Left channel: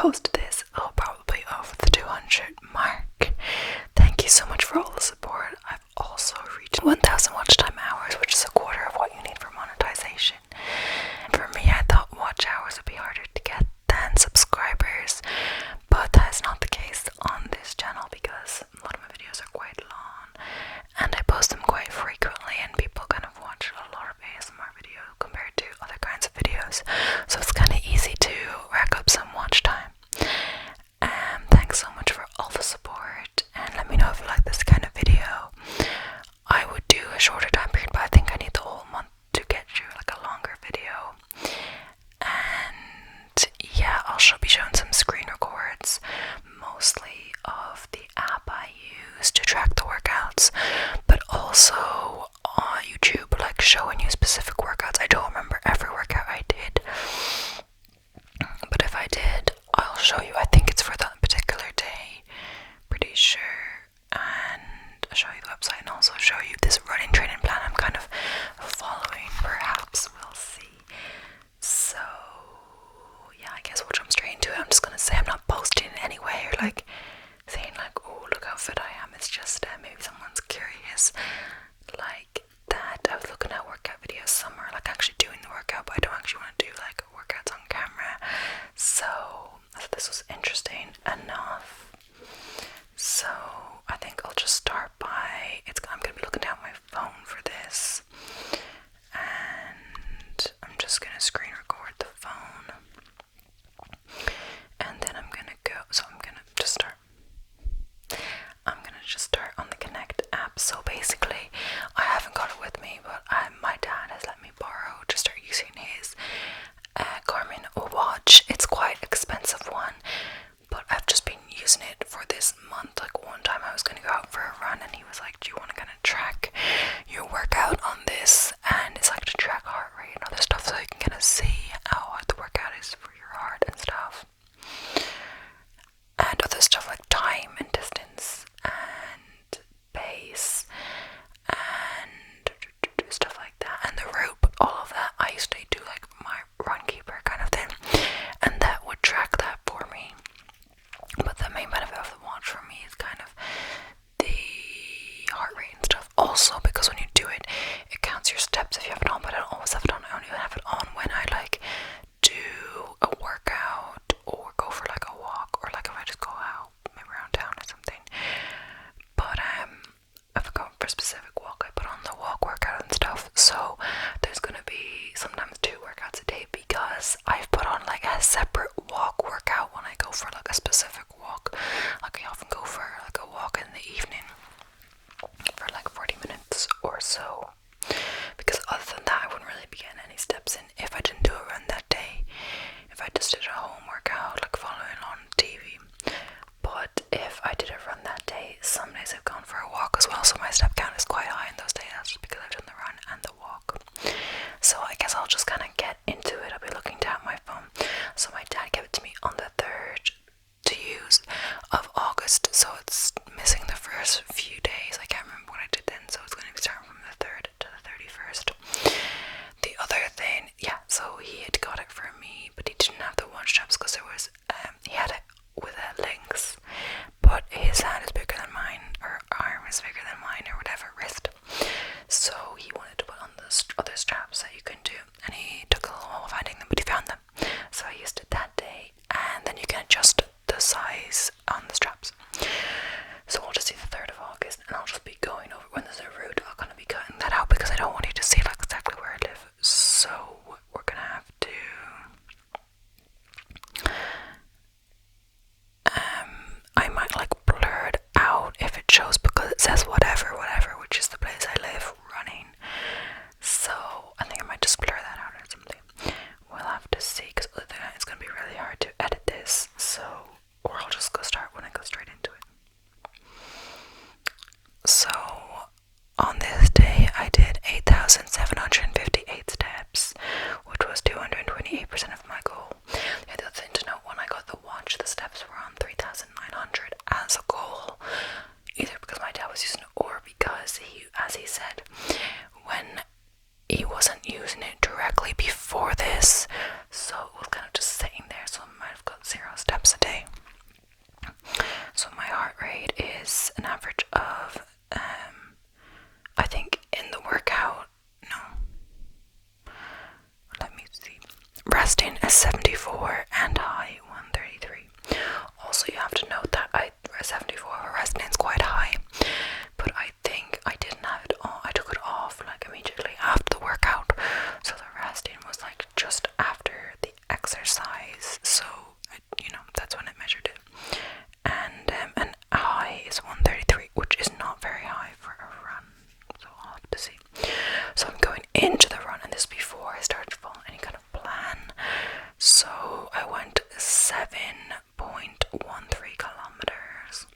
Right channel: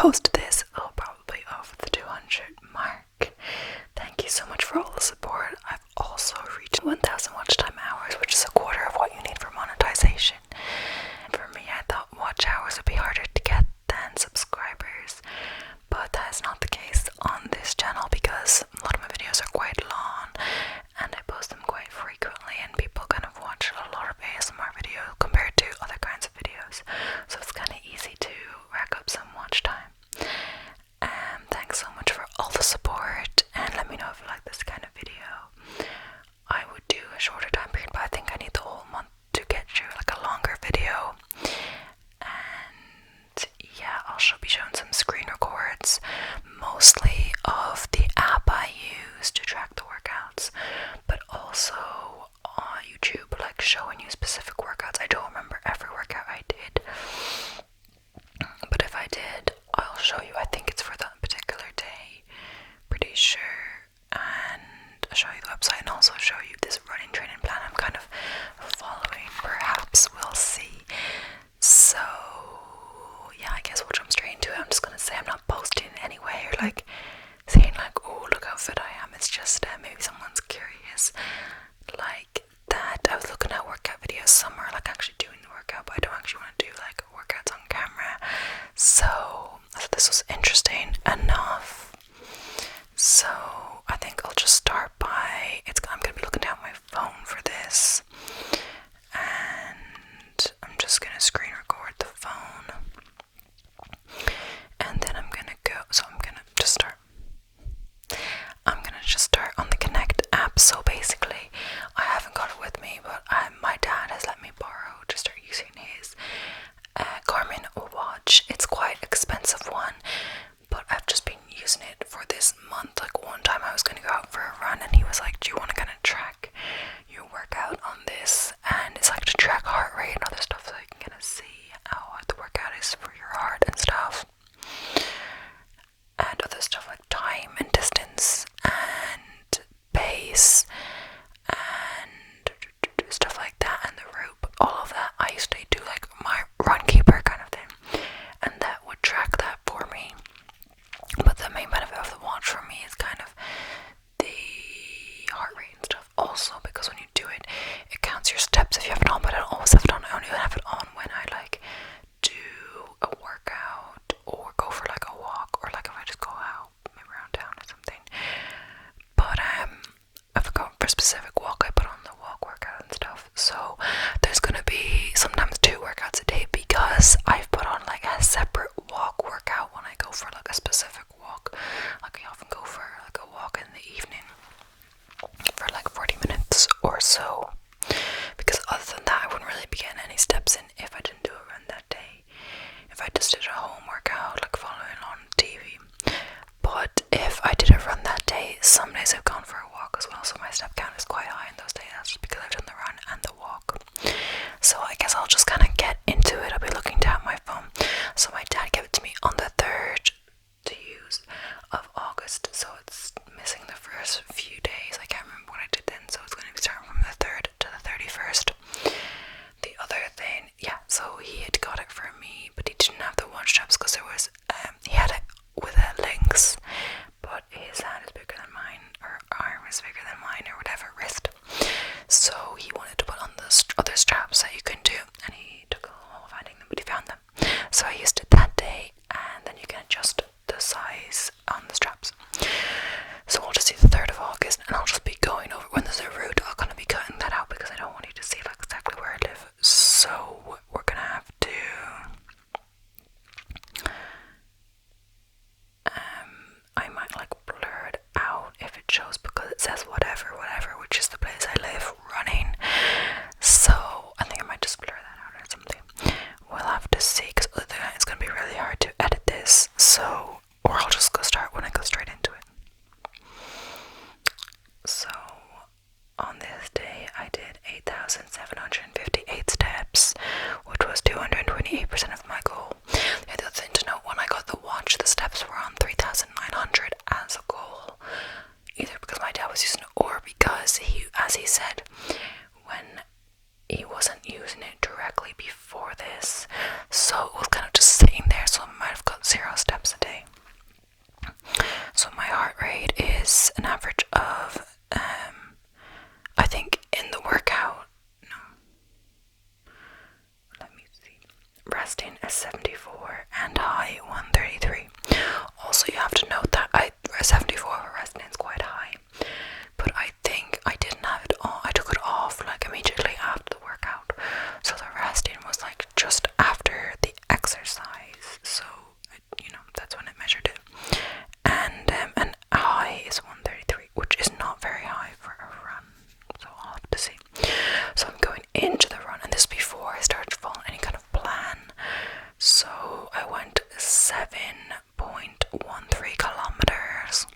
post this, it'll probably over the 200 mark. Thank you so much for all the support. I've also reached 1,000 watch time hours, which is a quarter of what you need for monetization. For me, I thought watch hours would be harder to get than subscribers, but that is not the case on this channel because a lot of my videos are quite long and I post them quite frequently, and people kind of watch a lot of ASMR videos compared to other kinds of videos, so it's kind of easy to rack up some watch time. Thanks so much for all the support, and let me know if you like this kind of video. I would do a shorter time period, but I think I need the whole month to get you like a longer video. And yeah, I'll be showing some screen records, mostly of the app I use to track the workouts, but also on YouTube, like showing you specific workouts. I don't remember every workout I did, but if I did, I'll show you. I think it's for that particular day, pretty sure, and I'll show you the website and also show you this running training plan I'm kind of following. Perhaps we'll see. So yeah, I guess we'll jump straight into it. I'm just gonna say I'm not posting in any way or like saying like, oh look how fit I am. It's just maybe someone's curious like that. I was looking at workout videos somewhere, like actually doing the workout, but I don't actually want to do like workouts on camera. So I thought this was interesting enough. So I think I'll just start by I'm gonna be looking down my phone for this, and I'm just gonna screen record the phone, and then I'm gonna just start on the Connect app. So basically, I haven't got it with me, but my dad has let me borrow to start using his Garmin watch. It's quite expensive one, but I've just been using it for this month. Like one time I was going to go out for a run and he was like, do you want to kind of track your workout on this? And it's like to track heart rate and other stuff, so you can kind of see how the workout is for your heart and stuff, and other stuff like time and distance and pace and stuff like that, and the rope, all of that. I used to do like my run keeper kind of thing, and that would track that for me. But the main benefit of the watch for me is kind of the heart rate and stuff. Also, because when you do it, it counts your steps if you have it on, but I don't always have it on. I only have it on when I like do a workout or go for like a walk, or like if I just go out maybe around town or something. But if I go for a specific walk, I put on the walk workout and stuff. So there's gonna be sometimes 2 workouts a day because I've put on like a separate walk workout when I go for like a specific walk. Like I often go for like a walk in the evening for like 40 minutes or so, because other than that I wouldn't really be getting any steps in if I didn't do a run that day, if I just did a home workout like following on TV. But if I did a run that day, some days I've gone for a walk as well, so my step count is quite high in those days. That's just because I've done the run and the walk. So I guess I'll just kind of get into it. I'll be looking down my phone. So my dad gave it to me on the 3rd to use of August, so it's missing the first few days. I can't remember what I did then, so it's going to be starting from the 3rd to the 31st. The other thing, yeah, so he had got it for me, but he didn't have the watch straps because there was he had it with links, but his hand is bigger than mine, or arm is bigger than mine, or whatever, wrist. So he wanted to put on the other straps that you can do, and he took a little while finding them, but he found them. So I used it that day, and then you can adjust the size on the straps. So we'll just see the 3rd of August, and I'll just be going over when there's a route. I'll kind of be cutting that out because I don't want you to see like exactly where I live. So we're gonna have to I might like blur it out if it shows, because it says whatever, which is the place I live, running. So I think I might just blur that out or something. We'll have to see, because it's going to be really hard to edit this. So, or I'll just go straight into it. So on this day I did 8,758 steps, which was 228% of my goal. The other thing to note, when I got the watch, the steps were on 3,900 as a goal, either because my dad was using it or because he, as he said, when he wasn't using it directly before this, so it was kind of just sitting there, so I might have got 0 steps resting is 74 and high 133. Also, you have to note that 74 for resting is quite high, but I think I didn't have it on. I took it off like immediately after the workout, so the resting was like just after the exercise. So that's when it measured it, and high is 133, which is not very high for a run. So I'll have to see. So I'm going into the run, and this before I started to follow any kind of plan. So I went 7.13 kilometers.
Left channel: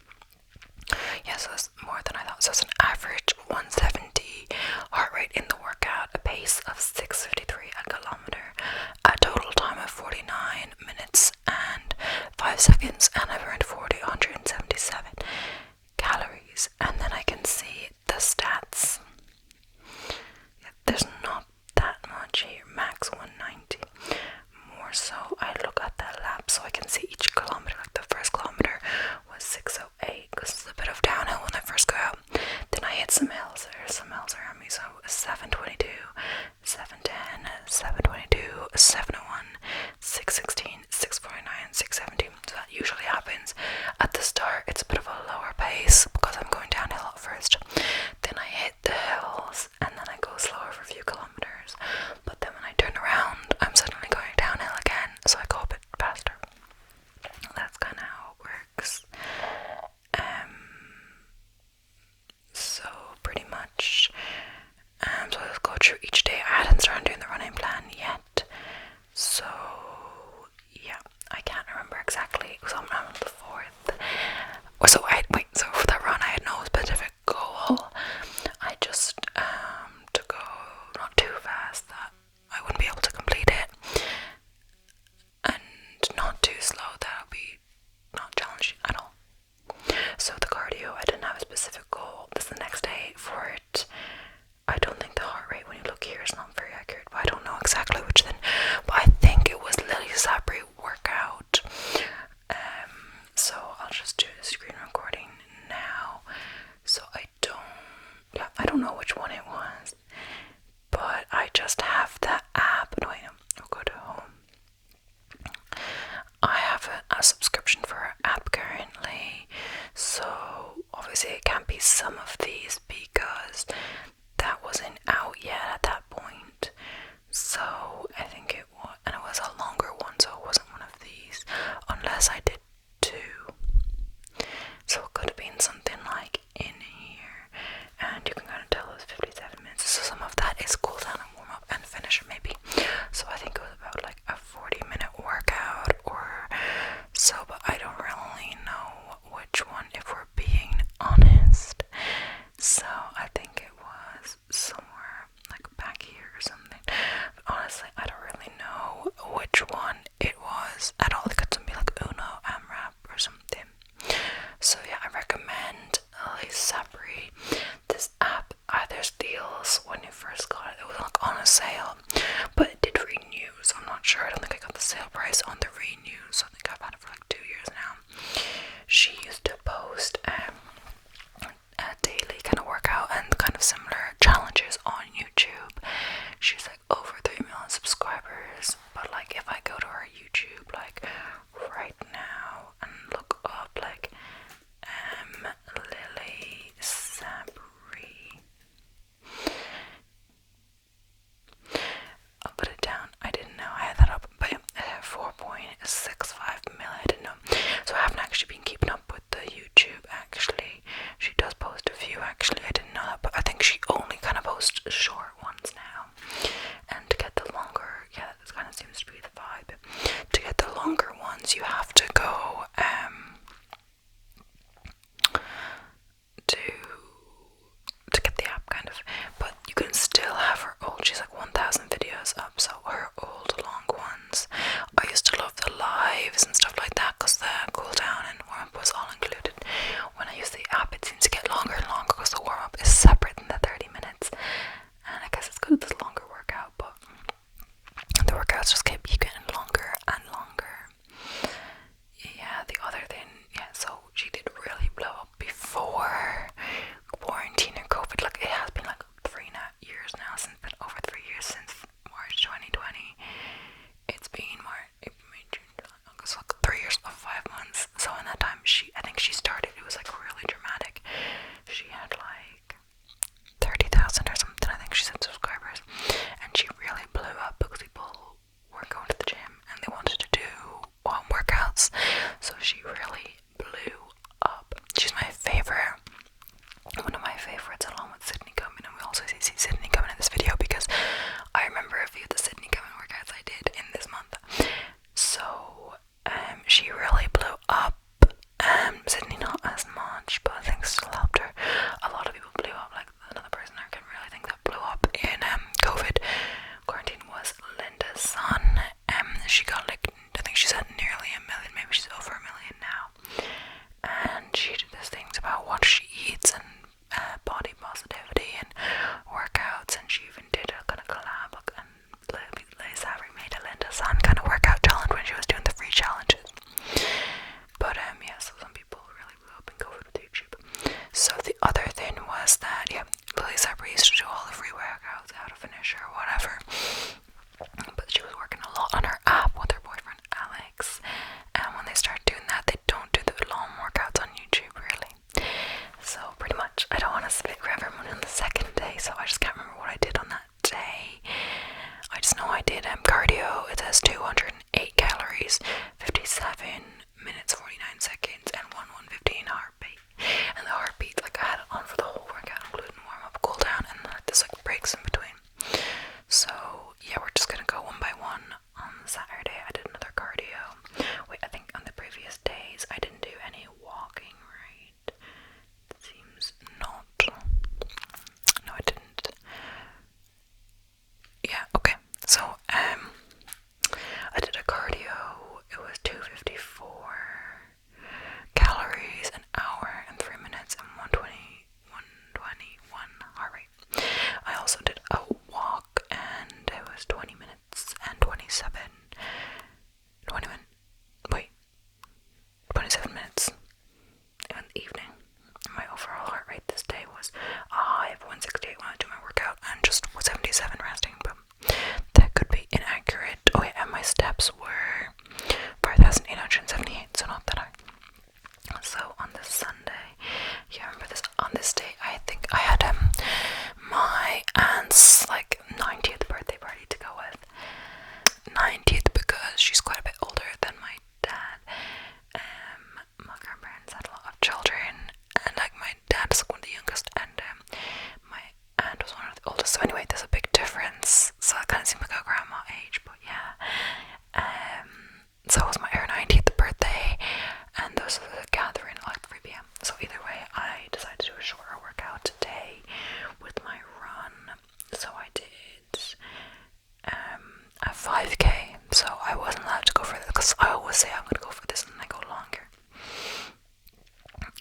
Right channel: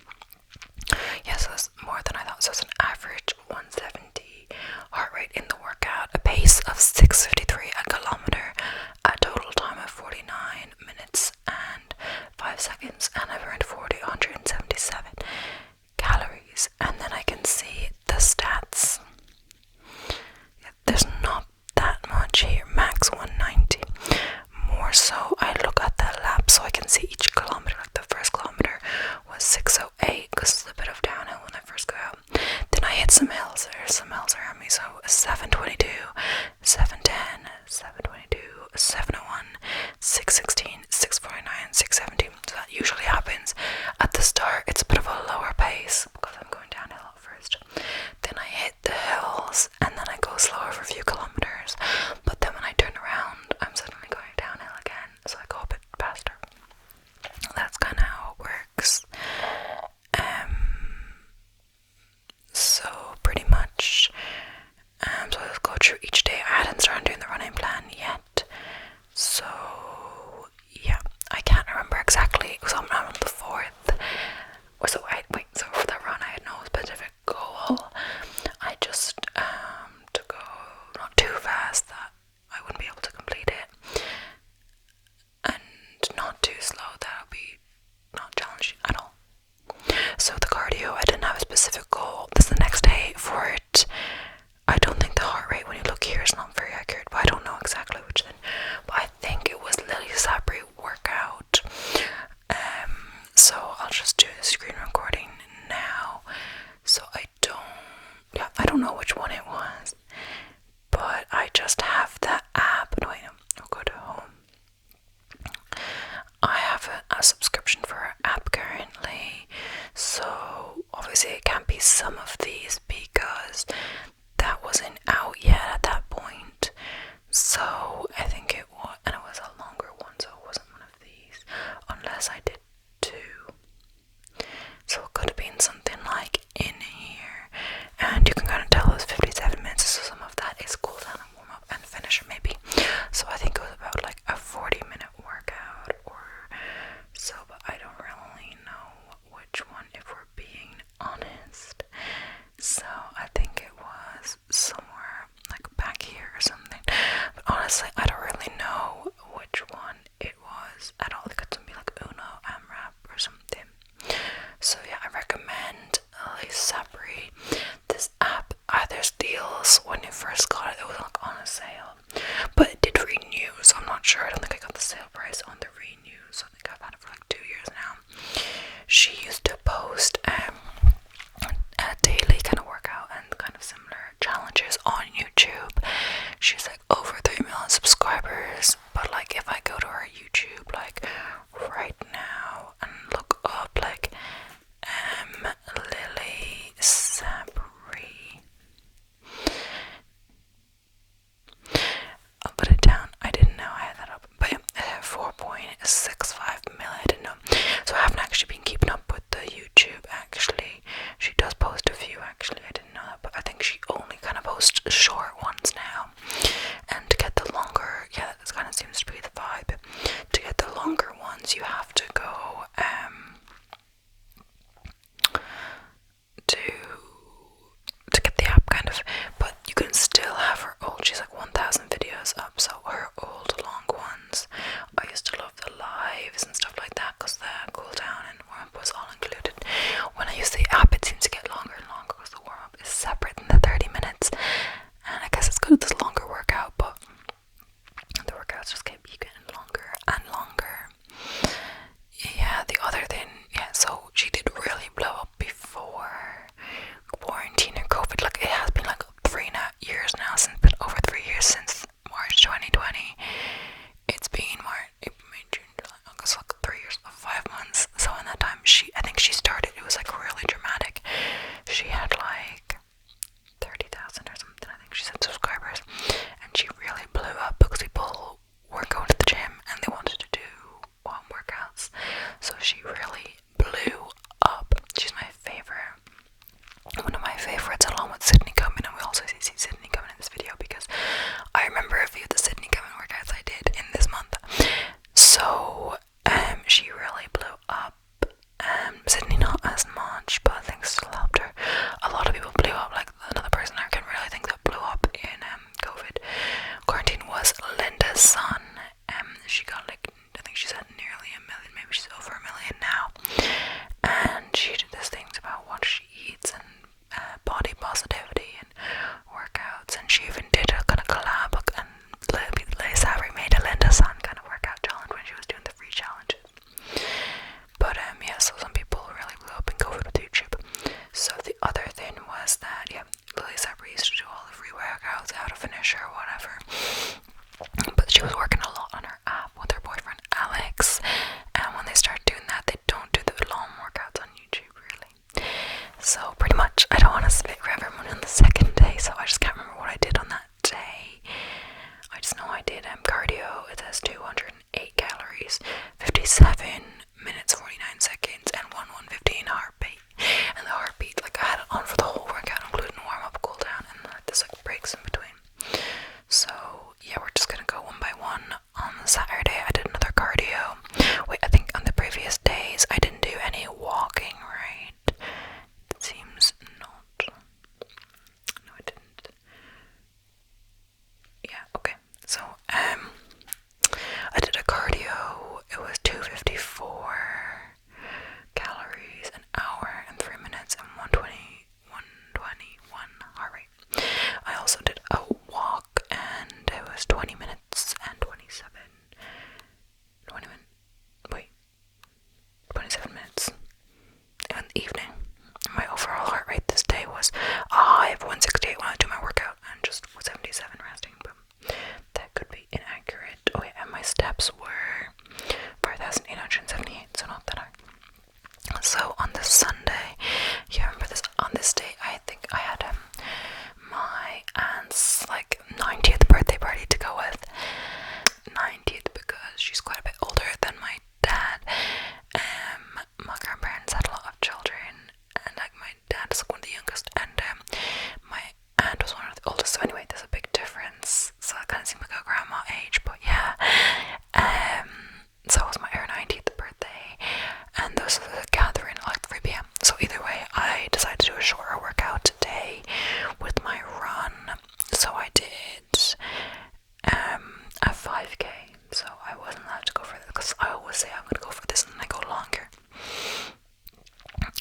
so I wasn't allowed to go for it because I always say I'm gonna go for this and I go longer.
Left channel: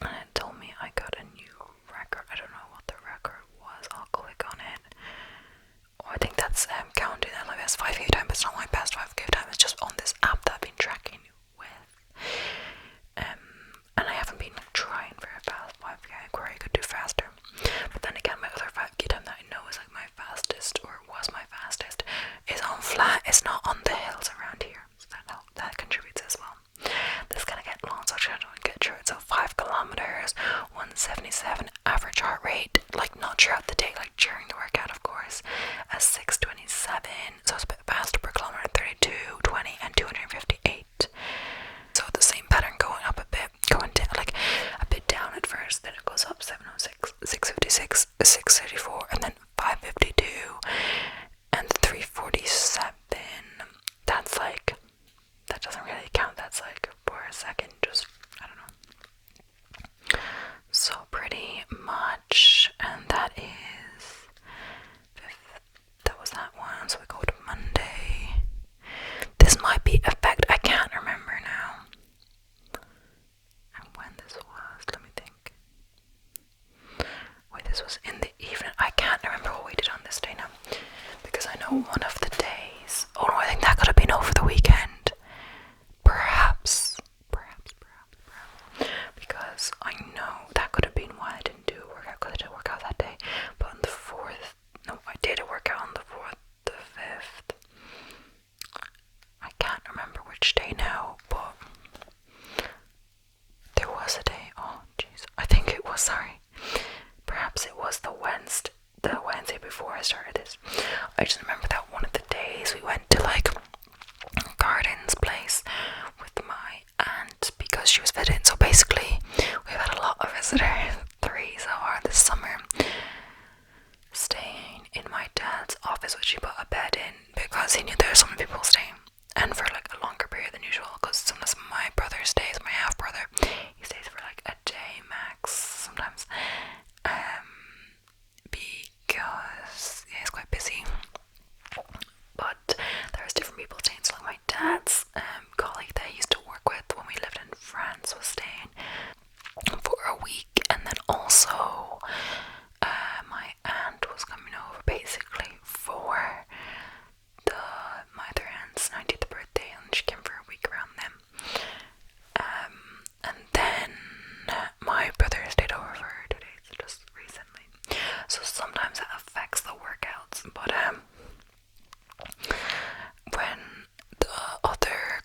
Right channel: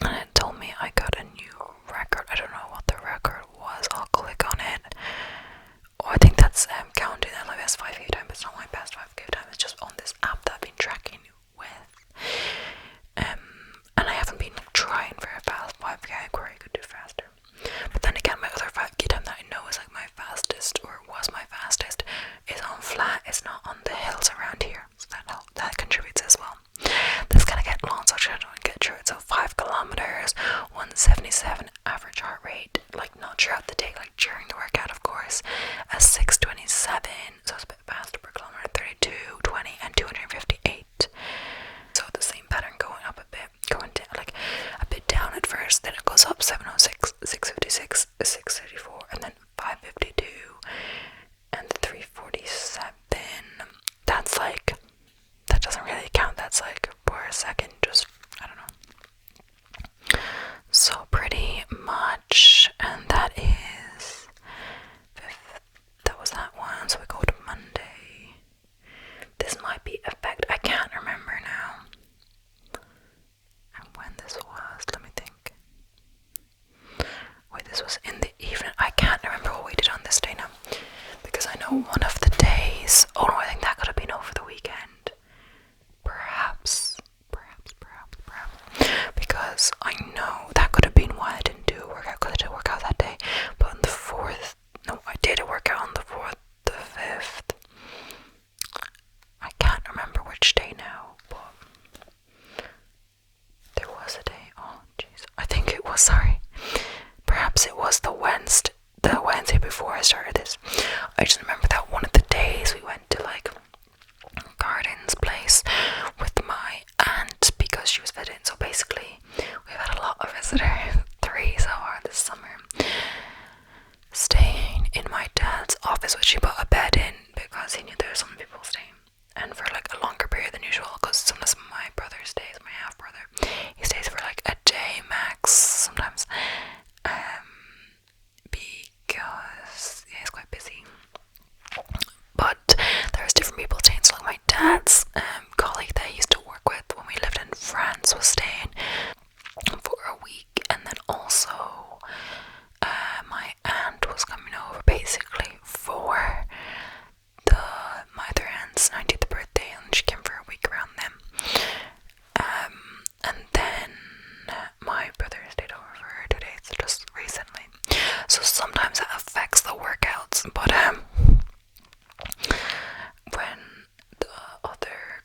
And it told me I got a new record. I don't know what the record was. I'll click on it. Oh, I think that's counted as 5k time, but it's not my past 5k time. It's just on this app that I've been tracking with. And I haven't been trying for a fast 5k where I could do faster. But then again, my other 5k time that I know is like my fastest, or was my fastest, is on flat. It's not on the hills around here, so that contributes as well. This is gonna get long, so I don't get through it. So 5 kilometers, 177 average heart rate, like not throughout the day, like during the workout, of course, a 627, so it's a bit faster per kilometer, 32, 20, and 258. So the same pattern, going up a bit, going down, like a bit down at first, then it goes up 706, 656, 634, and then 552, and 347. That's like, that doesn't really count, that's like for a second, just, I don't know. So pretty much, and that is, that was that one, so we go to Monday. This might be effect, I can't remember now. And when this was, let me think. Wait, this was in the evening. I can't remember what we did on this day now. Because I know one of the days, oh no, I think that could have been over the weekend. Perhaps. Because I know that could have been why I didn't do a workout, because I didn't work out that day. But on the 4th, no, I did a workout on the 4th, the 5th. I can't remember which day now, but there was a day, oh jeez, I think it was, sorry. Perhaps it was the Wednesday before I started this. I just remember that one of the days we went to like Garden's place with my aunt because she was visiting. So basically we've had a lot of visitors, 3 so far this summer, staying in my dad's office, which he put a bed in because he knew there were some people staying, and for like a longer period than usual, because sometimes my brother stays, my half brother, he stays for like a day max sometimes, because he's quite busy. But there's different people staying, so like my dad's colleague that I used to work with when we lived in France was staying for a week, and then also my aunt was coming over basically for my other aunt's 90th birthday, and she came for a week around them. And then my brother stayed over for 2 days just recently. So sometimes that affects the workouts, but when the other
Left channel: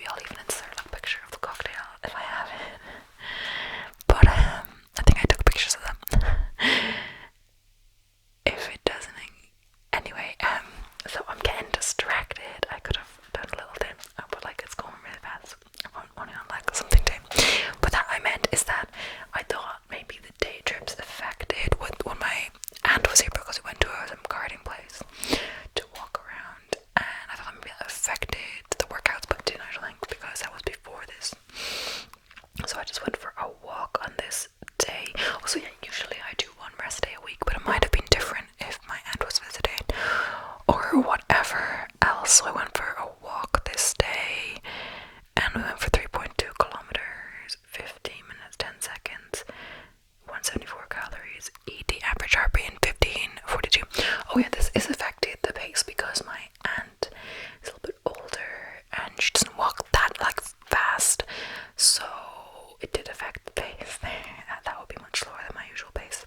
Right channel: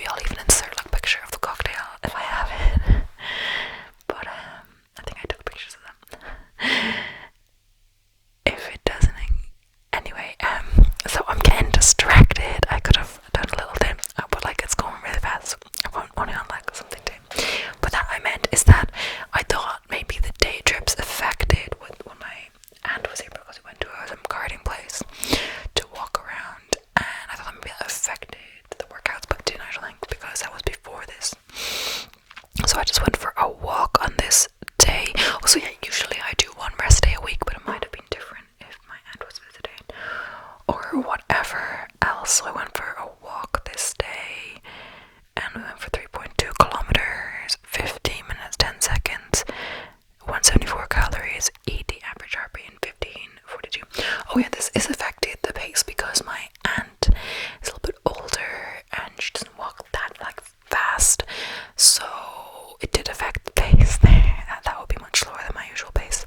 maybe I'll even insert like a picture of the cocktail if I have it. But I think I took pictures of them. If it doesn't, anyway. So I'm getting distracted. I could have done a little thing, but like it's going really fast. I'm only on like something day. But that I meant is that I thought maybe the day trips affected when my aunt was here, because we went to a gardening place to walk around, and I thought maybe that affected the workouts, but didn't, I don't think, because that was before this. So I just went for a walk on this day. Also, yeah, usually I do one rest day a week, but it might have been different if my aunt was visiting or whatever else. So I went for a walk this day, and we went for 3.2 kilometers, 15 minutes, 10 seconds, 174 calories, ED average heart rate, and 15:42. Oh yeah, this is affected the pace because my aunt is a little bit older and she doesn't walk that like fast, so it did affect the pace there. That would be much slower than my usual pace.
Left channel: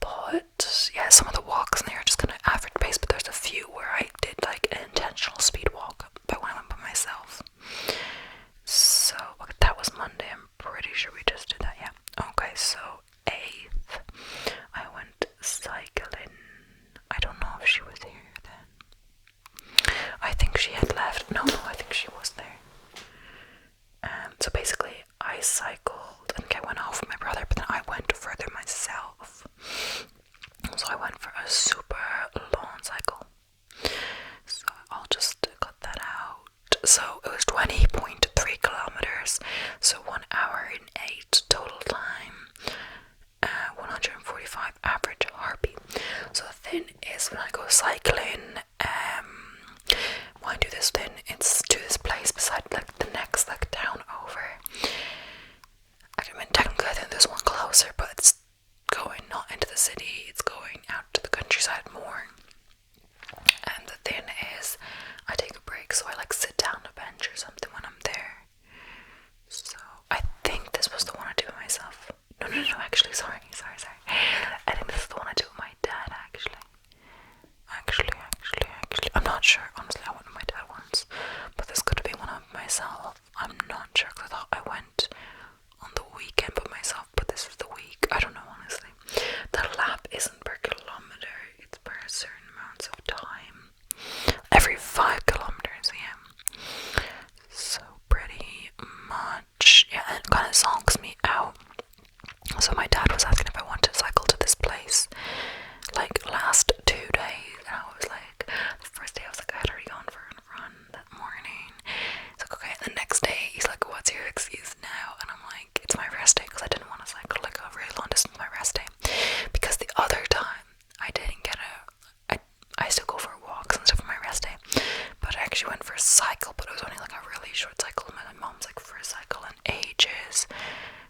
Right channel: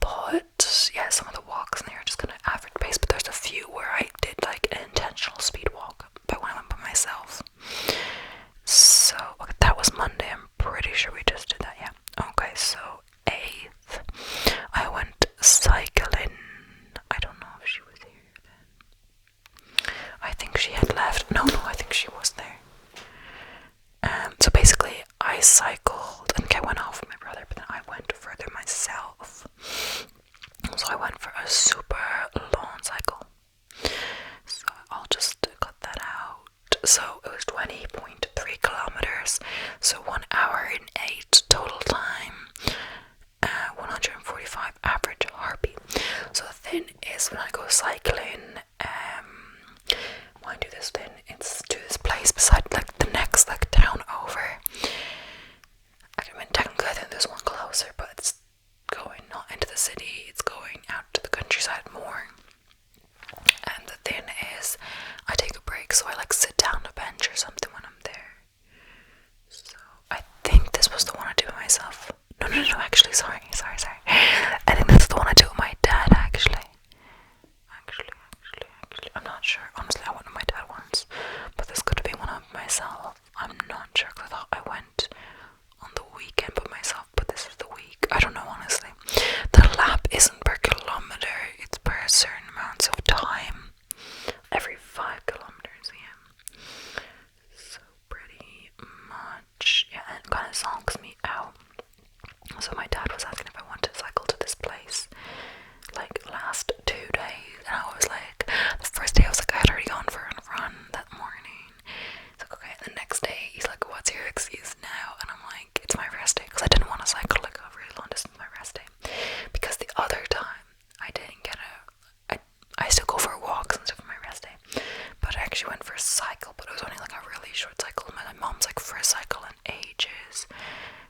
But yeah, some of the walks in there are just kind of average pace, but there's a few where I did like an intentional speed walk, but when I went by myself. So okay, that was Monday. I'm pretty sure we just did that. Yeah. Okay, so 8th, I went cycling. I don't know if she was here then. I think she had left. No, I think she was there. So basically, I cycled. I think I went off with my brother, but then I went further myself. So I went for a super long cycle. So I'll just cut that out. So it was 20.3 kilometers. So 1 hour and 8 total time. 145 average heartbeat. So the thing is, when I go cycling, when I do this thing, it's to this place beside like the next like town over. I mean, technically I think there's one closer, but it's going not into the city, it's going out to the countryside more. And the thing is, I take a break, so I like sit down on a bench or something when I'm there. So I think this was the one I did with myself. No, actually, sorry. I think this is the one I did with my dad, actually. I'm not sure. Honestly, I went with my dad once, but this could have been one of myself. I'm not sure, because I thought I went on the weekend by myself, but this was the week. I don't know, honestly. The lap isn't per kilometer, it's per certain amounts of time. Every 5 kilometers, yeah. So pretty much, yeah, it kind of zonks me out. So my dad was asking if I wanted to cycle to this place like last 2 days, and I was like, the first day I was like, I had already gone for a run that morning. He's like, okay. And the next day he's like, what's your excuse now? And I'm like, it's my rest day, because I didn't want to cycle like a really long distance my rest day, because the other time I didn't get I still go for walks and stuff on my rest day, but I actually went for a cycle, but it was only like a really short cycle. My mom's like, for a cycle in ages.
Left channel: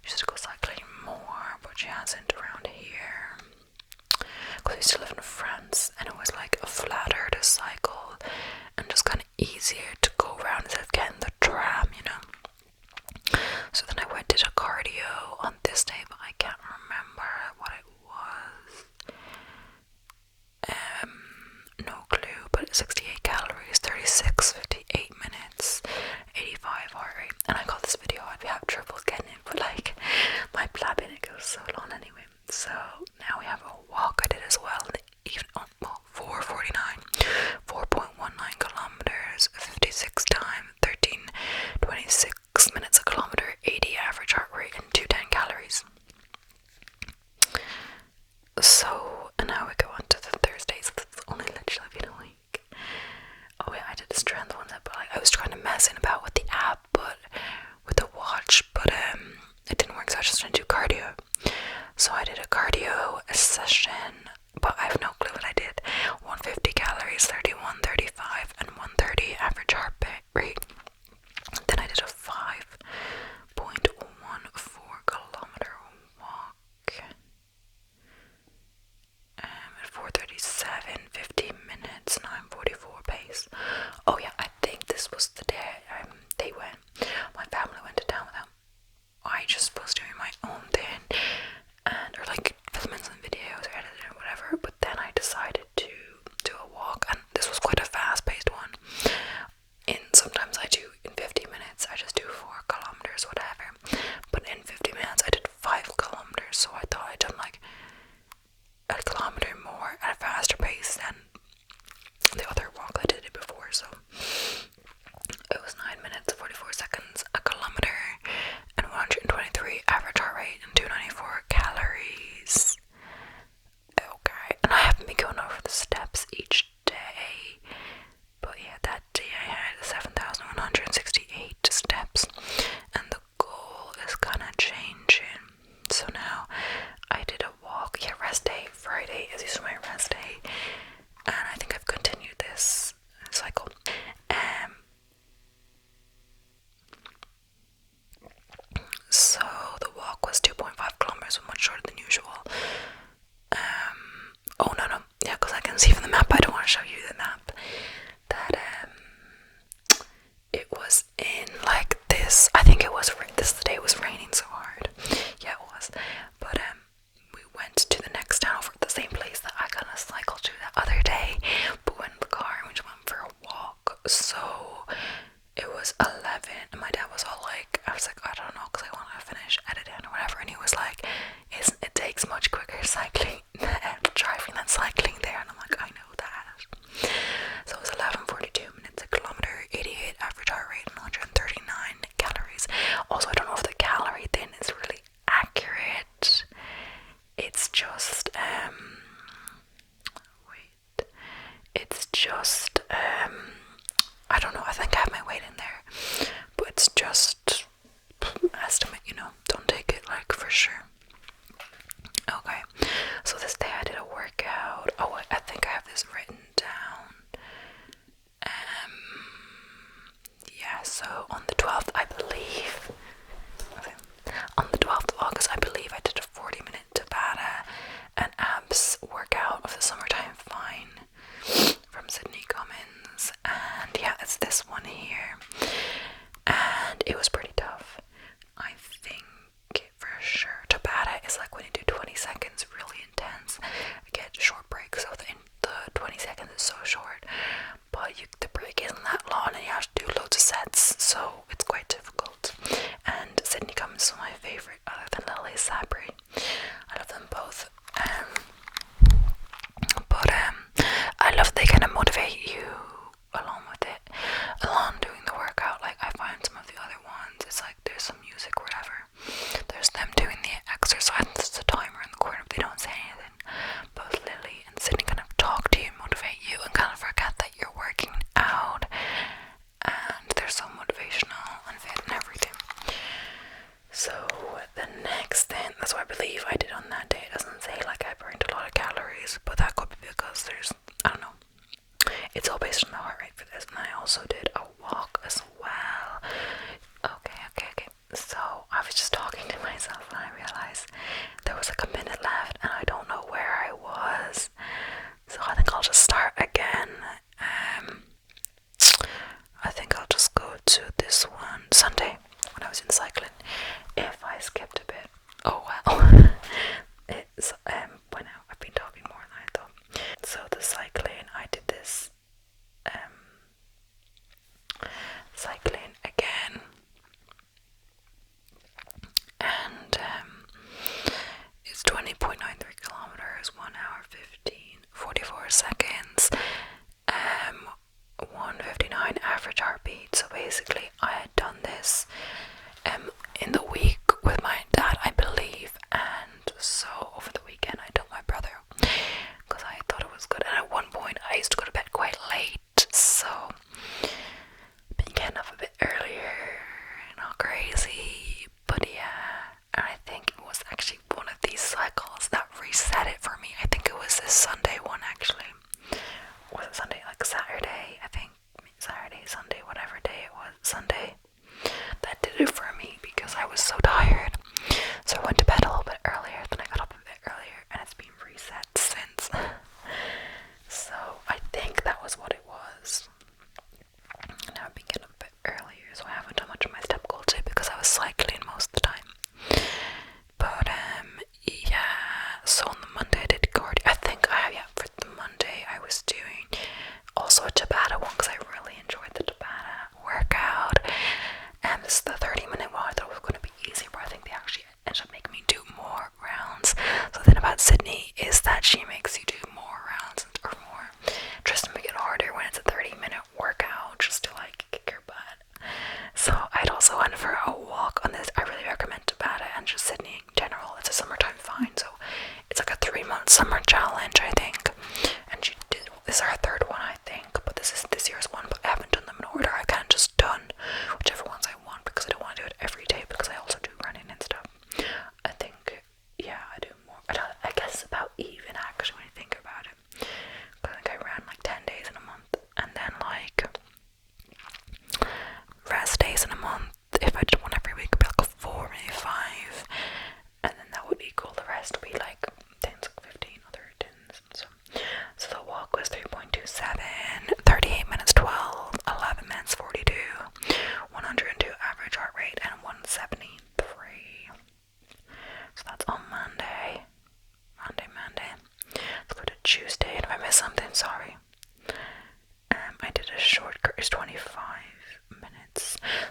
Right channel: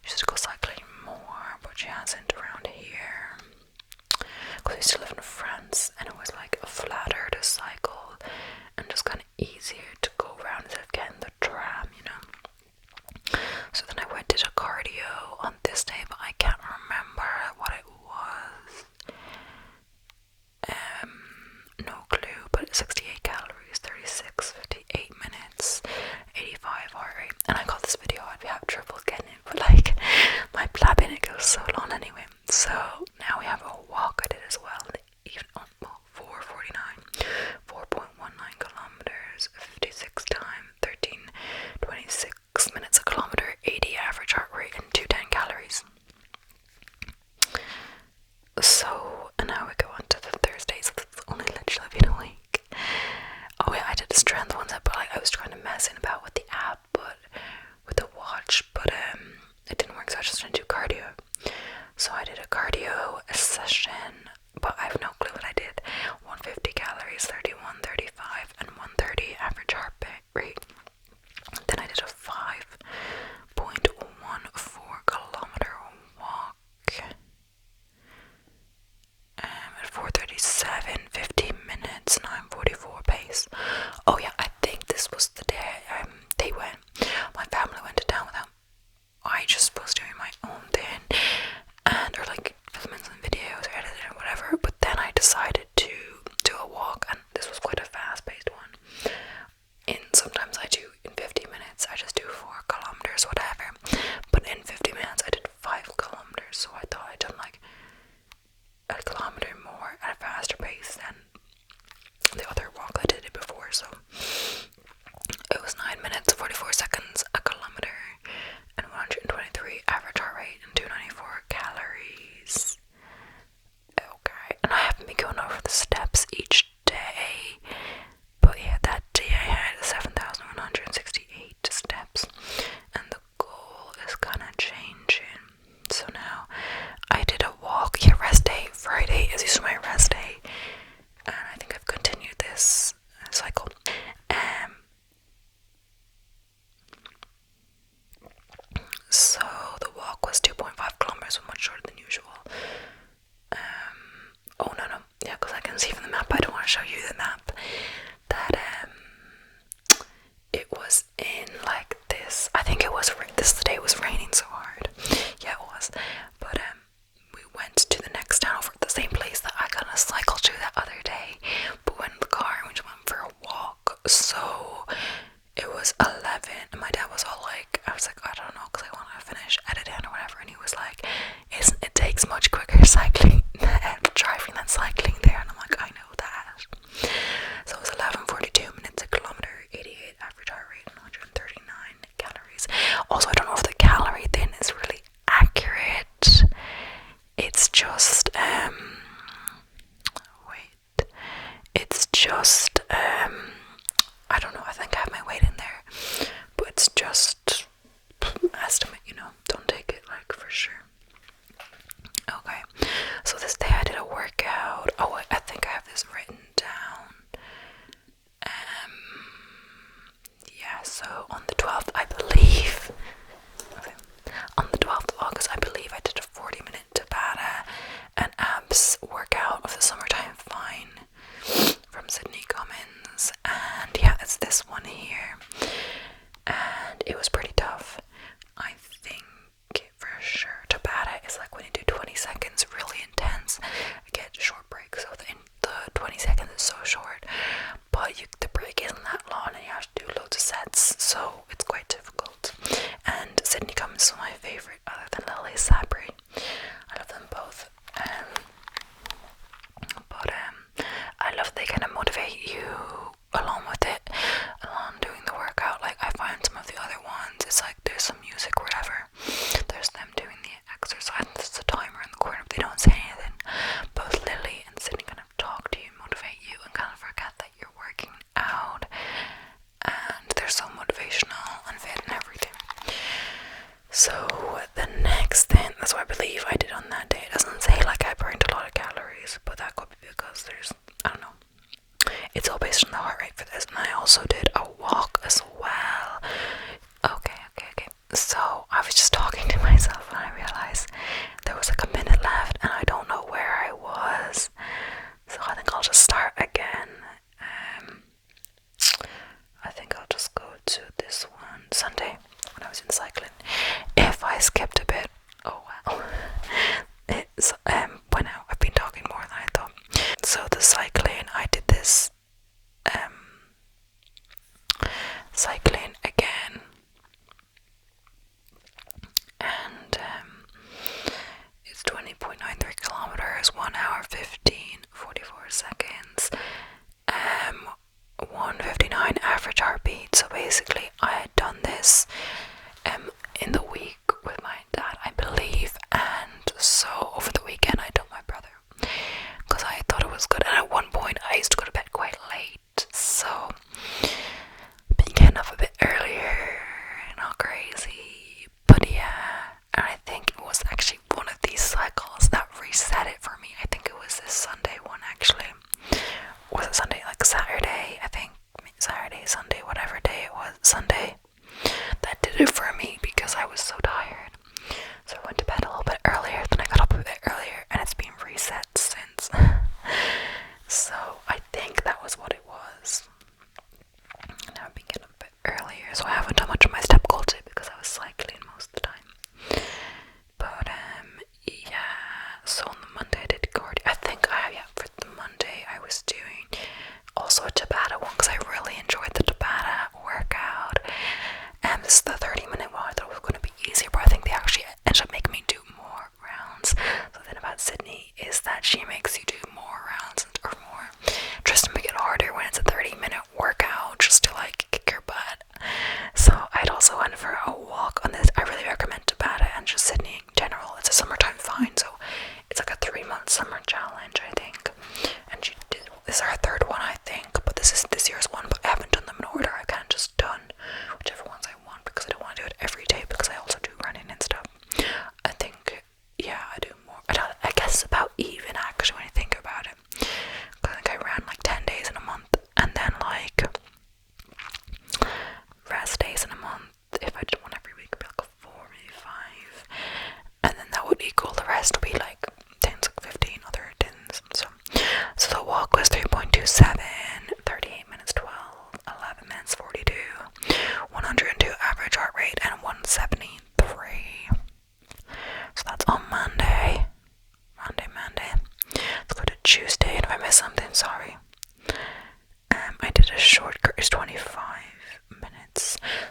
She used to go cycling more, but she hasn't around here, because I used to live in France, and it was like a flatter to cycle and just kind of easier to go around instead of getting the tram, you know. So then I did a cardio on this day, but I can't remember what it was. No clue, but 68 calories, 36, 58 minutes, 85 heart rate. And I got this video, I'd have trouble getting it, but like my blabbing, it goes so long anyway. So now we have a walk I did as well, even 4:49, 4.19 kilometers, 56 time, 13:26 minutes a kilometer, 80 average heart rate, and 210 calories. So, and now we go on to the Thursdays. It's only literally been a week. Oh yeah, I did the strength ones, but like I was trying to mess in about with the app, but with the watch, but it didn't work, so I just tried to do cardio. So I did a cardio session, but I have no clue what I did. 150 calories, 31, 35, and 130 average heart rate. Then I did a 5.14 kilometer walk. At 4:37, 15 minutes, 9:44 pace. Oh yeah, I think this was the day my family went to town without. I just was doing my own thing, or like filming some videos or editing or whatever, but then I decided to do a walk, and this was quite a fast paced one. And sometimes I do in 15 minutes. was in like this, I think it was, this the day it was raining so hard. Yeah, it was. But we went to the next town over the same place that I kind of cycled to that other day, but went in the car and we just went for a walk. So it was 11 and my dad was all like, I was like, I don't know, because I want to finish editing or whatever, and he was like, it takes much quicker cycling driving than cycling there, and I'm like, I know that. So it was 11:42 minutes a kilometer, 88 average heart rate, and 139 calories. Also, I don't know if the calorie thing is really accurate. It's just it's just I don't know, I think I have my weight in there, but it's just estimate, don't take it like for sure. Okay, so this day I did a workout. Oh, I think I have this written down. Yeah, so on the 12th, I believe, okay, on the 12th of August, I believe I did a 40-minute Tabata and abs workout of the Summertime Fine from Sydney Cummings, and yeah, it's this one here, and it was pretty tough. I think for sure Tabata is like when you do 20 seconds really intense, you get short breaks, so the 20 seconds is so short, but the break isn't that long and you have to do loads of sets, so it's quite difficult. And Sydney Cummings is my favourite other than Lily Sabri. I love them both, but I love they kind of motivate you along with it, along doing the workout. Like I find some of the other ones, it's like there's some music or whatever, there's them doing the exercise, there's a timer in the corner but they don't say anything. Both Lily and Sydney kind of talk to you, motivate you, and kind of forget that you're working out, and they're so motivational and fit and everything. So the next thing, that's what I believe I did on that day. It doesn't say like I burned a lot of calories, but that could be because there's, I don't know, it's all based on the heart rate for this. And I also did a walk as well. Okay. So I was just talking to myself and I realized there was like a minute left and I don't know where I was. So I think I'll just start again. I think I'll just go to this one, Sunday, when I was in cycling. If I skipped a bit, oh well. It's went out. I've been talking more than I thought. So the cycling, I did this cycling again, and it's 20.93 kilometers, 1 hour 15:44 seconds, 159 average heartbeat. So basically I had done this in the week with my dad, I believe, and so over the weekend I told my brother because I thought it was good, and at one point I used to go to bed quite late, so been getting up a bit earlier, not crazy, but yeah. And I think it was actually one of these cycles that reset it for me. I think it was this Sunday one actually. Was it Sunday? Like Saturday, I think. Saturday, Sunday, whatever day it was. Sunday. That did it for me because I was so tired. So I went to bed a little bit earlier, then I got up a bit earlier, and it's been reset since. So I think that was what it was. Now I've been getting up a bit earlier, so I haven't done much of my step goal too because I was cycling most of the time. But yeah, so on the Monday I did cardio. I think for the Monday I was doing also a Tabata one because I really enjoyed the Tabata workout. And this is the 30-minute one. I thought it was going to be easier, but I think they actually ended up making me do more rounds. So the thing about Sydney is that she makes you do more rounds or more. Tries to make it harder when it's a 30-minute workout just to like kick your butt. So I'd also went for a walk on this. I really recommend Tabata and just Sydney in general. It's a Summertime Fine, so it's like a 3-month summer challenge, I think. And she did, this is her third one, I think, but this is this year's one, but I haven't done them in order. I kind of just done whichever ones I want because I don't want to do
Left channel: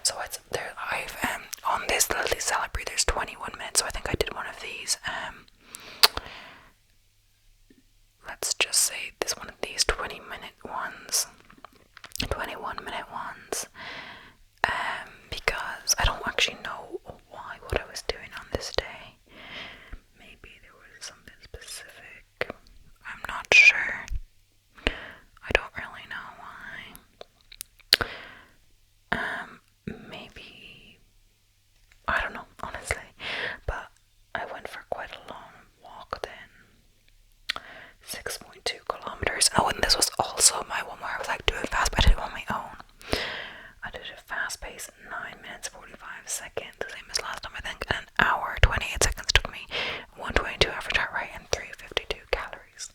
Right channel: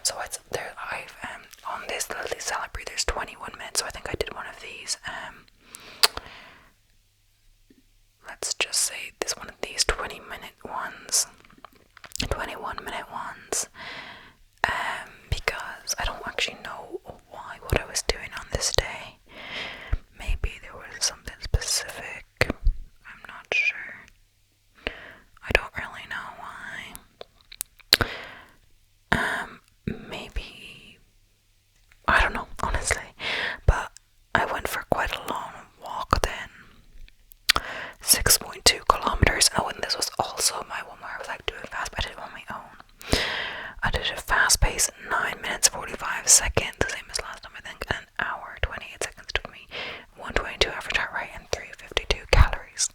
So it's there. I've on this little celebrate. There's 21 minutes, so I think I did one of these. Let's just say this one of these 20-minute ones, 21-minute ones. Because I don't actually know why what I was doing on this day. Maybe there was something specific. I'm not sure. I don't really know why. Maybe I don't know, honestly. But I went for quite a long walk then. 6.2 kilometers. Oh, and this was also my one where I was like doing fast, but I did it on my own. I did a fast pace, 9 minutes 45 seconds, the same as last time I think, and an hour 28 seconds took me, 122 average heart rate, and 352 calories.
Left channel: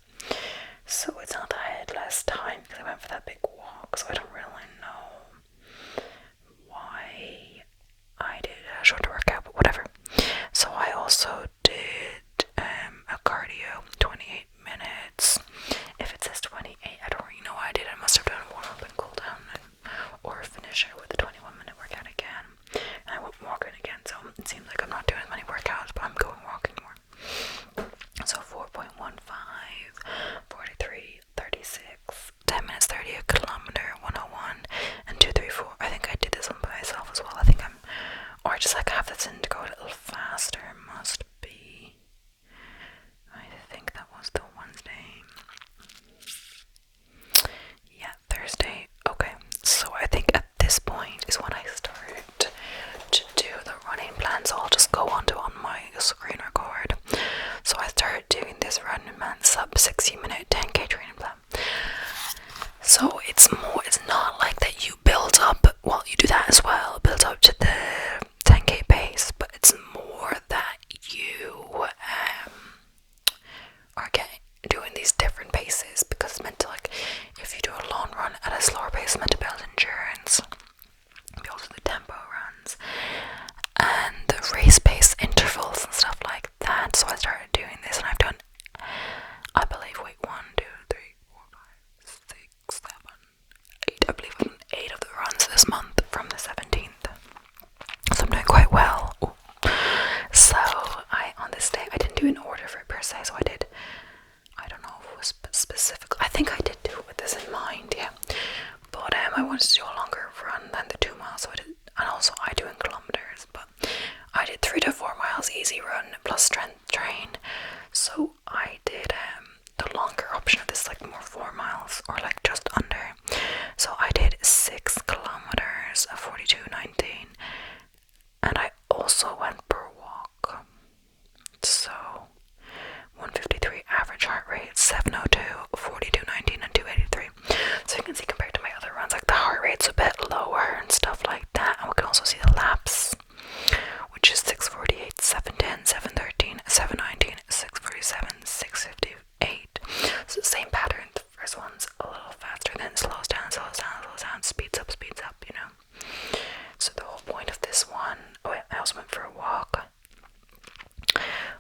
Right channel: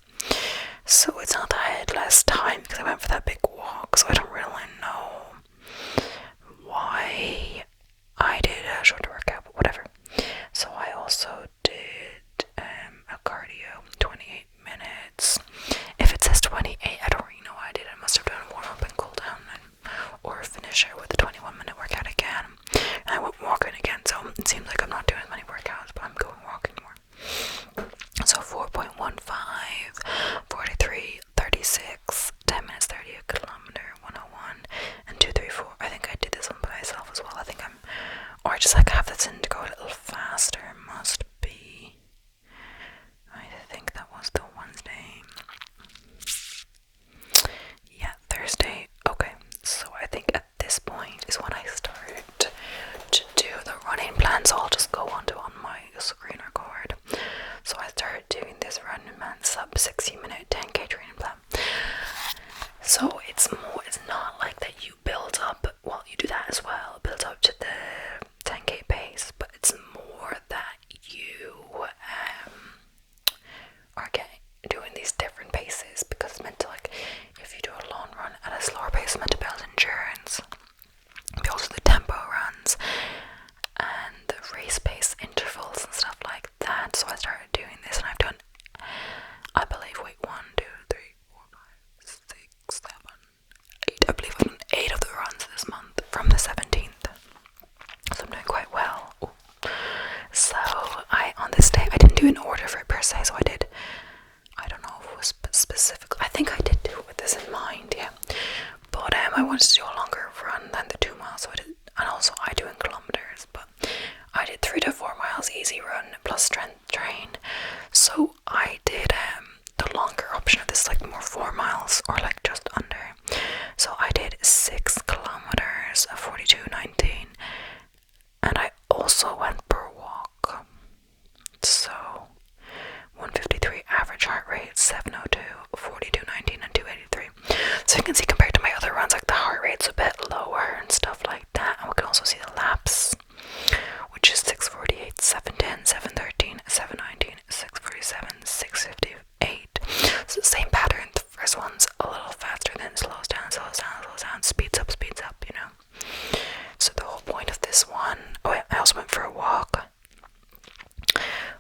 So it's not that I had less time because I went for that big walk, so I don't really know why I did a shorter workout, but whatever. So I also did a cardio, 28 minutes. If it says 28, I don't really know why I did. I must have done warm up and cool down, or finish it with a 21-minute workout again. And I went walking again, so it seems like I'm not doing as many workouts, but I'm going walking more. So 4.15, 43, 36, 10 minutes 30 a kilometer, 101, and 234. I think I did this one by myself as well. I think or I just like have this in to go a little faster. Must be. I think that was the Wednesday. Yeah, Thursday. Okay, so I think at this point is when I started to do the running plan. So I'll just go on my screen record. So I started doing this running plan, sub 60-minute 10k training plan. So it's not like that you build up, well, you do that as well, build up to the 10k pace, but it's more that you are doing these different paces, because it's meant to, like, if you do a long run at a slower pace, it's meant to build endurance, build the tempo runs, and the race pace intervals and stuff like that. So I started doing this, and I've done, I believe, 8, I believe I've done 8 of the runs this month from the 17th, so I'm doing quite well. Ooh. So on this day, I didn't do an order for it per se, so I don't know if it was specific, I think I did do it with this in mind, yeah, but I wanted to do a longer run than the 2 miles, so I did, and also I do in kilometers, but I did 3 to 4 miles easy run plus strength train, so I did the longer option of this, like more 4 miles, or like just under, so I did 6 kilometers, 42:19, and I also went per walk, so 153 average heart rate, 702, 42:19, and 283. So you can see, compared to my other runs, like the heart rate's a bit lower and stuff like that. And we can also see the laps, which is 648, 710, 713, 719, 647, 658. So the same pattern. The first one's a little faster, then it slows down, speeds up, you know. So the whole point of this one, I also went for a walk,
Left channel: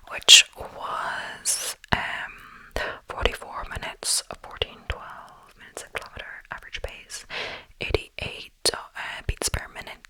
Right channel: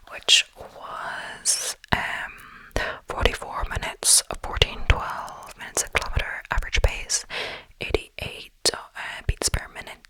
which was 44 minutes, 14:12 minutes a kilometer, average pace, 88 beats per minute,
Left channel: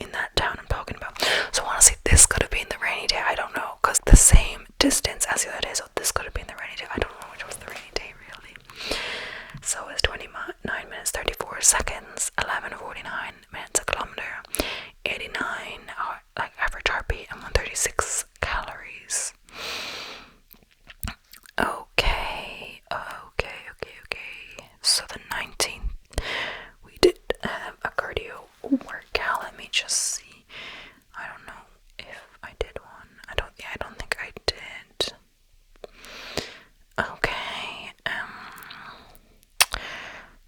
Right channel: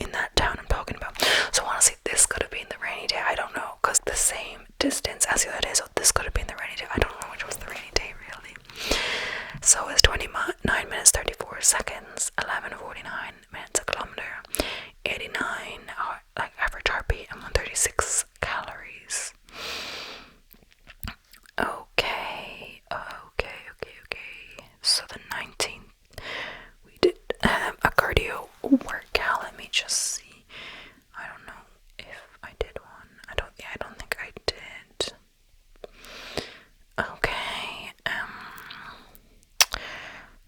in that town I'm talking about. So honestly, this could have been the rainy day. I don't know, because the same distance as the other day. So this could have been the rainy day. I don't know which was the rainy day really. So it's 29 minutes 34 seconds, 11:49 minutes a kilometer, 89 like average heartbeat, and 136 calories. Okay. So the 19th, we did a cardio workout. Let me just see. I don't know if I did one. I don't think I did. Okay.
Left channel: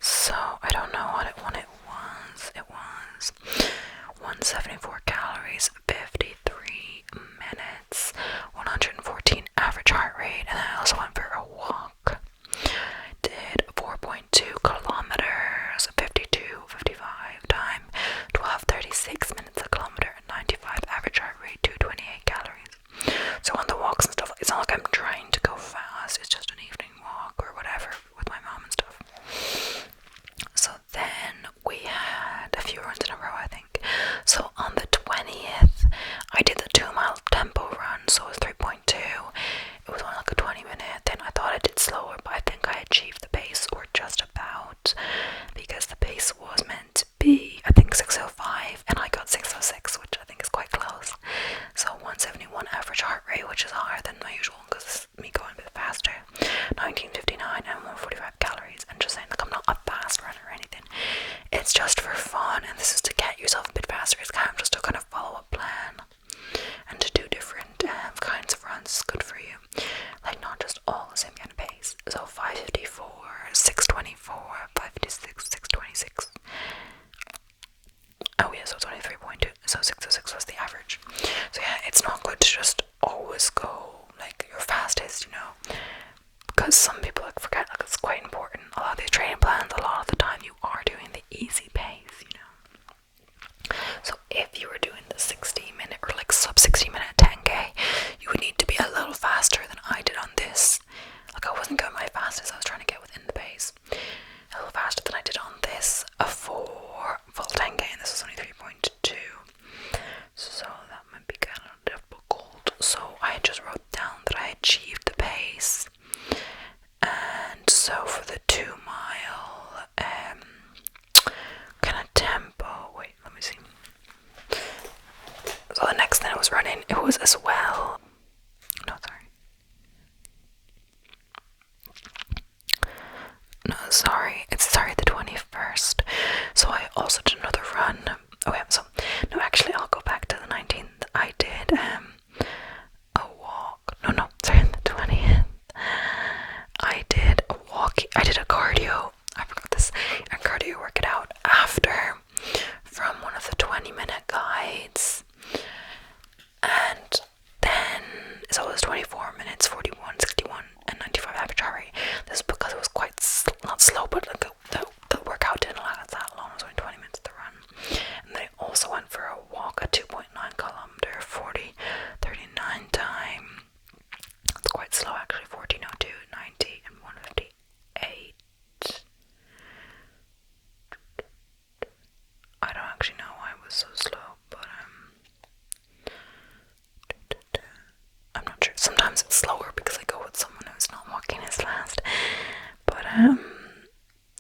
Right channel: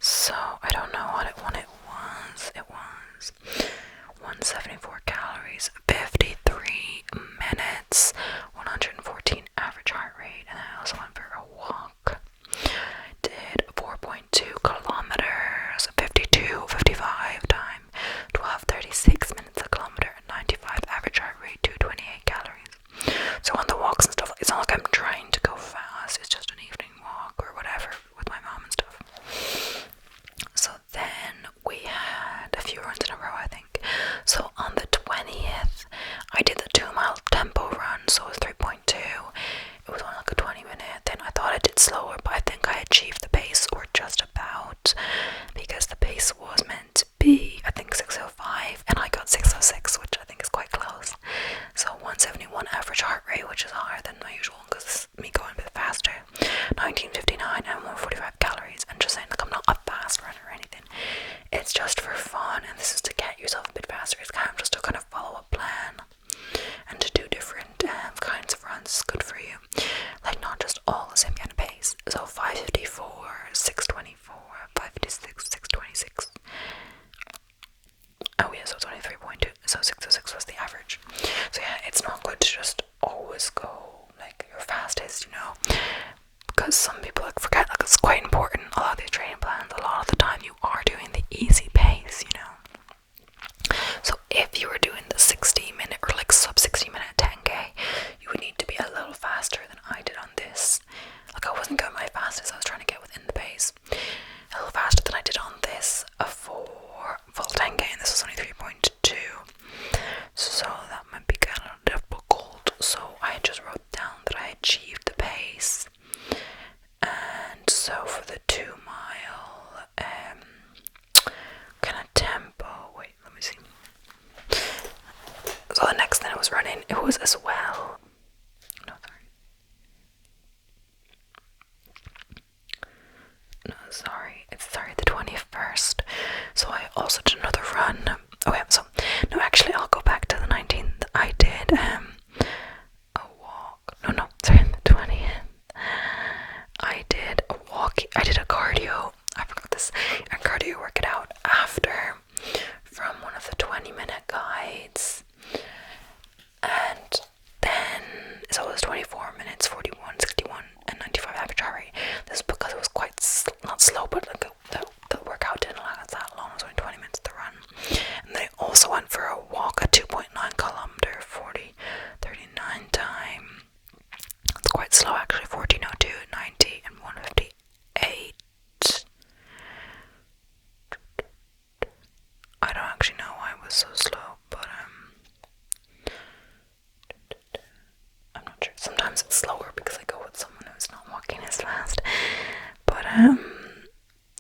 So I don't know what it was. It was 174 calories, 53 minutes, 114 average heart rate, and then I also went for a walk. Did 4.2 kilometers, 55 time, 12:36 minutes a kilometer, and 95 average heart rate, 228 calories. So on the walks and stuff, it's not like I'm trying to go fast, it's just an evening walk or whatever with my mom and stuff. So then we had a few runs in a row, I think. So on the 20th, I did the 2-mile tempo run, so it was 3.2. It was only like a 20-minute. Then I thought I did slower, but I think I achieved the pace, or just about, because the pace was meant to be, I think, 6:05, and I got 6:06, which I think is quite close. So 171 average heart rate, which is higher than my usual, because this is me going a bit faster. 19:59 and 145 calories. And just saying, like, I'm not a fast runner or anything. It's just for fun, and this is to get yourself a bit faster. It's kind of just to kind of follow a plan, and to do different kinds of runs is good for you. Like, not just all the same kind of pace. So 5:54, 6:24, 5:56, 6:26. Oh yeah, so it's only 3.2. So 6:06 was the average. So yeah, it's not good to just always go like your fastest, you know, because some people like forget, like, it's quite important. A lot of these training plans, a lot of the time you are doing the easy pace, you know. So if you were doing the 60-minute or like sub 60-minute 10k, you would need to be a little faster than I did on this. Like, I wasn't going my fastest, I was trying to get within the pace. A little faster than I did on this for full 10k, and this was only 3.2. So that might be kind of difficult. So I just wrote down that I achieved the pace. And so for the 2-mile kind of tempo, wait, let me see. So the next thing I was running, it was as well. No, sorry. It's the 21st. So I also did another run. Oh yeah, so no, actually I'll go back to the 19th. I did a walk. No, sorry, the 20th. I did a walk. I did a cardio. I forgot this. A cardio workout after, from one of the 20-minute guides. And then, so it was 24 minutes, 41, 61, and 95 average heart rate. This is because it was quite, not slow, but like the workout didn't last that long. It was only 20 minutes to run. And they also went for a walk, a 2.9 kilometer, 40:39 time. It's quite slow actually, 14:02, 90, and 1:58. I don't actually know why it was so slow, but I'm not sure. Sometimes it's slower because I go with someone who's not walking as fast. But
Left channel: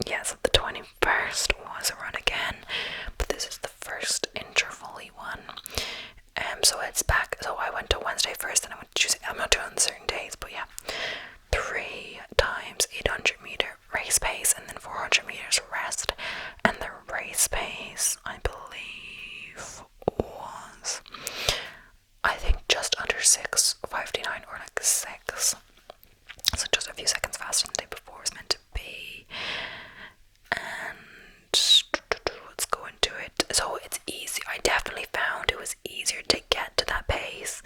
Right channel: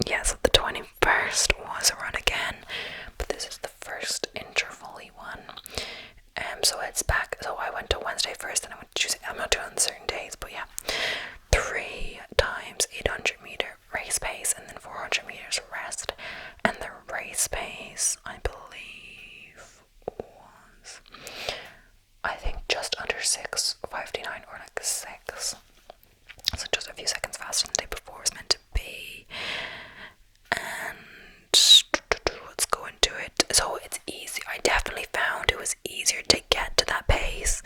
yeah, so the 21st was a run again, but this is the first interval-y one. So it's back. So I went to Wednesday first, and I went to Tuesday. I'm not doing certain days, but yeah, 3 times 800-meter race pace, and then 400 meters rest. And the race pace, I believe, was, I think, just under 6:59 or like 6. So just a few seconds faster than the day before was meant to be. And let's go into it. So it's easy. I definitely found it was easier to get to that pace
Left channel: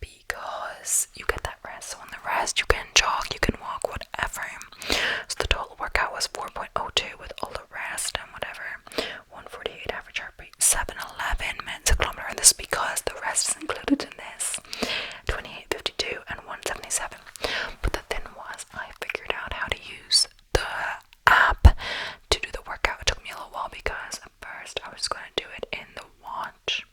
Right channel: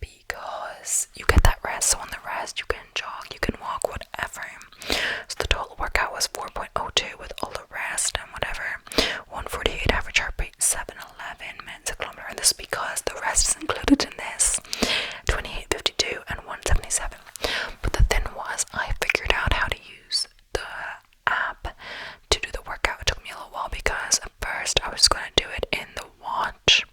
because you get that rest. So on the rest, you can jog, you can walk, whatever. So the total workout was 4.02 with all the rest and whatever. 148 average heart rate, 7:11 minutes a kilometer. And this is because the rest is included in this. 28:52 and 1:77. But the thing was, I figured out how to use the app to do the workout. It took me a little while because at first I was going to do it in the watch,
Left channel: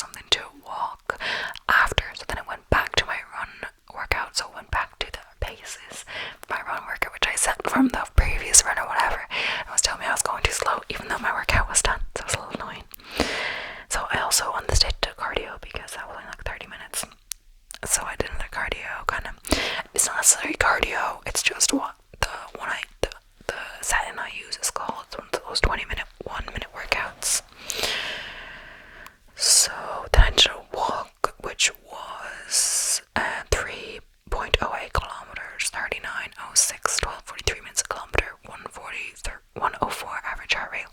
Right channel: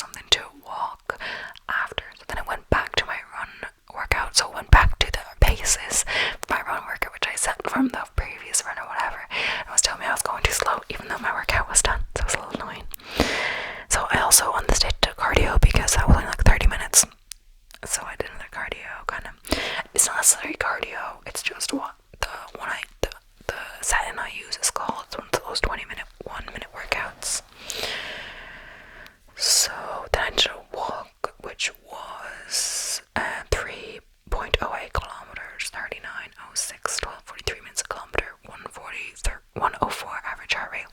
something to walk after. So then I went back to my run workout. So I went back to the paces for my run workout, which I set from the previous run or whatever. It was telling me I was going too slow, even though my workout was done. So it was a little annoying. So I also on this day did cardio because that was only like 30 minutes. So I did the cardio kind of. It's not necessarily cardio. It's just what the setting I use is called. It's one of those 1 minute workouts. So then I did a walk, which was 3.08 kilometers, 39:06, 12:43 minutes a kilometer, 104 average heart rate,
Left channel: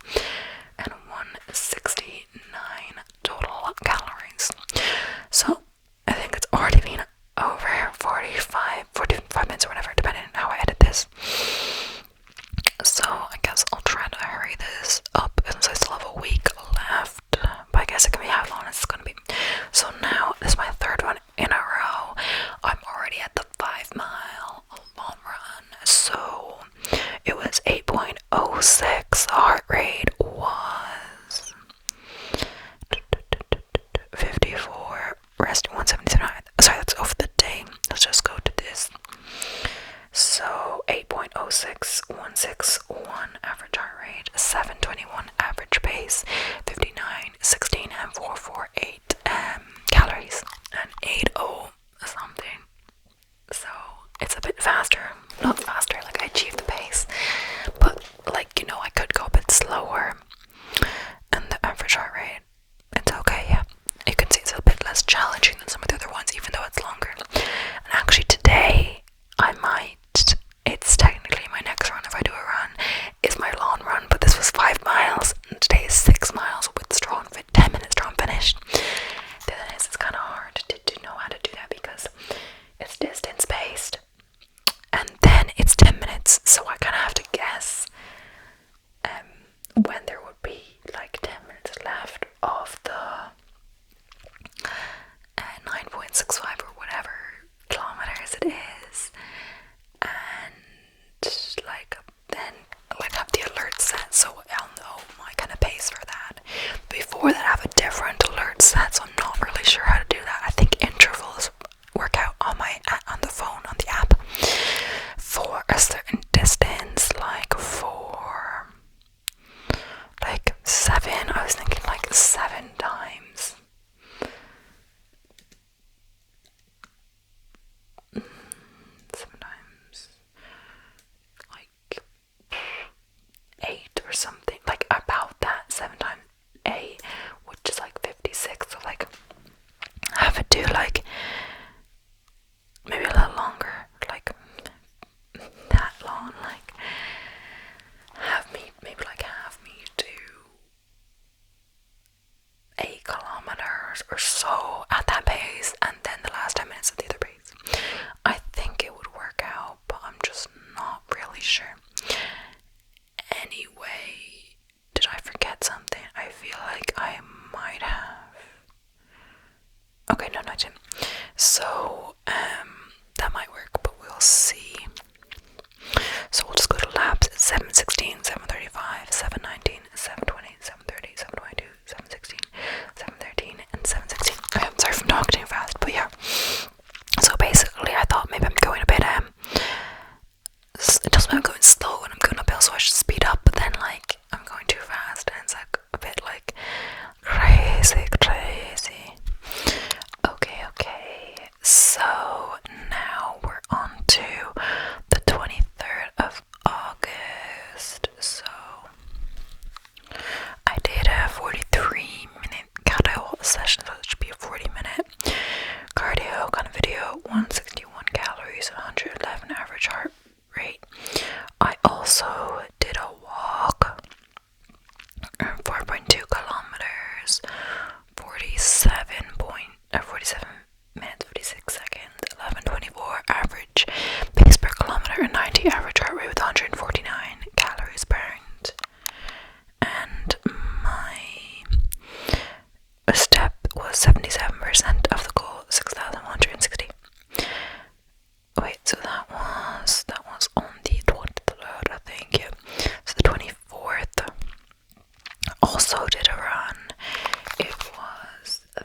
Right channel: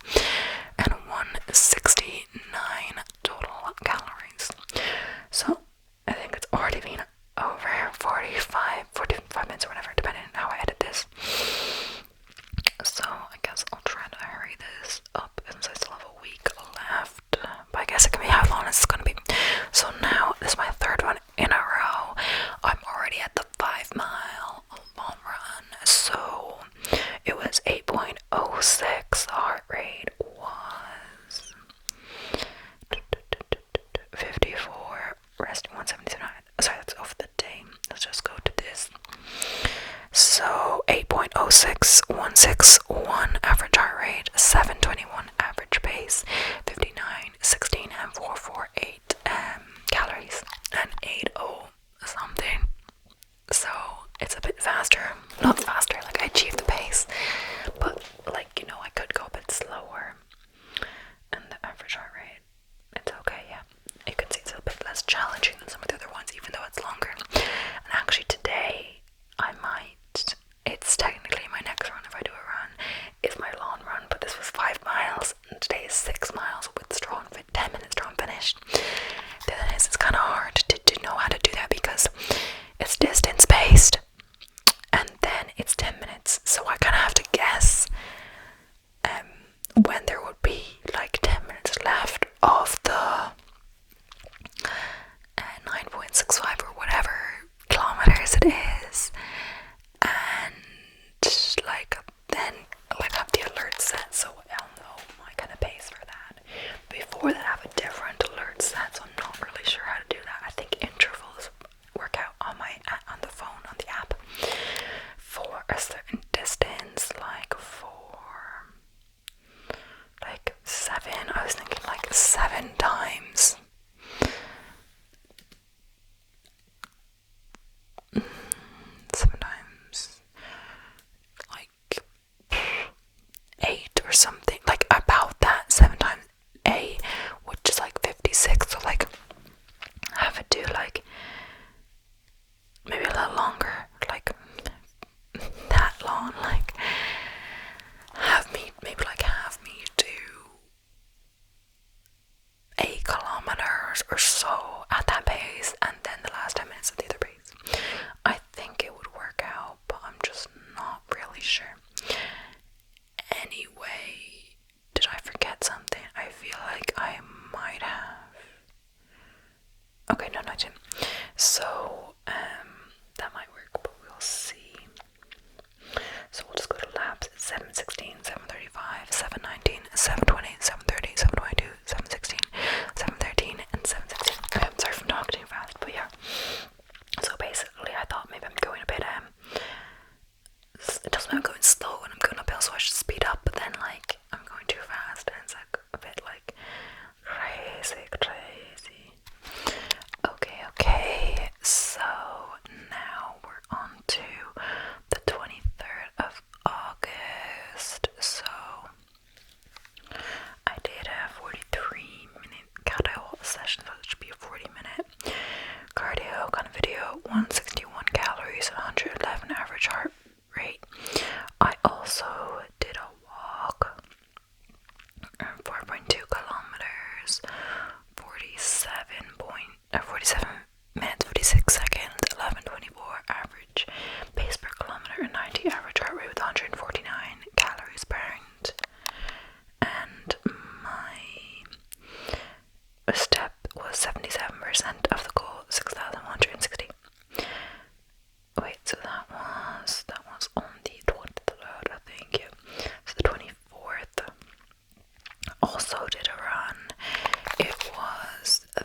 and 169 total calories. So I think it's already been over 45 minutes or whatever, depending on how I edit this. So I guess I'll try to hurry this up since I still have a week left. But I guess it can be how long it's going to be. So now this is my third one in a row. I'm already at the 5-mile long run. So it was 8.06. The heart rate was 54. Resting 179. Sorry, that's over the day. Let's just go to this. So 8.06, 161 average heart rate, 721 average pace, 59, 16, and 448 calories, and 80 something. So it's a bit faster. Not faster, like I achieved the pace, but like, you know, I could go a bit slower. And the average heart rate, it's okay, yeah. You can see it's a bit less challenging than some of the other ones, even though it's longer. And actually today, it's technically my next run if I do a run, is my long run, but this was 5 miles, and today is 6 miles with 10 minutes drawn finished. The thing is, it's kind of hard to know how to do that because it's distance based, and then it's 10 minutes, so I kind of have to guess when there would be like 10 minutes left of the 9.65 or whatever kilometers it is, and like then like have the alert set so I'll know my kind of pace for that. Before that I have a different alert set, so I'm not really sure how to do that. I think intervals work out on the phone, on the app, for a certain distance, like for like 7, I was thinking like 7 times 7 times like 8 or something, like about that. 7 times 8, which is like 56, so like have it do like maybe a little longer, like that long, like have me do 8 kilometers or so at that pace, and then the last 10 minutes at the other pace. I think it would work out, but I'm just not really sure. Anyway, did I forget something? I feel like I might have. Okay, no, I didn't. So, that might work, but we'll see. So we'll just go to laps at 7:16, 7:35, 7:19, 7:20, 7:30, 7:22, 7:16, 7:13, and 7:16. Okay, I'm sorry if I'm talking too fast, but yeah. So basically, I thought maybe I'm going a bit, it doesn't mean I'm going slow and I'm going uphill, so I should speed up, but then, like, I'm going too fast, and it's, like, a bit, like, crazy. Okay, so now we're on to the 23rd of August, so I did a 43-minute cardio session, so it should be a 40-minute cardio kind of video, 161 calories and 111 average heart rate. I also did a walk, 4.2 kilometers, 47 minutes, 56 seconds, 11:24 average pace per kilometer, and 90 average heart rate with 149 calories burned. And my step was 77% of the goal, 6,160. Wait, so that was on the 23rd, I think, yeah. So the 24th, also did a run. It was the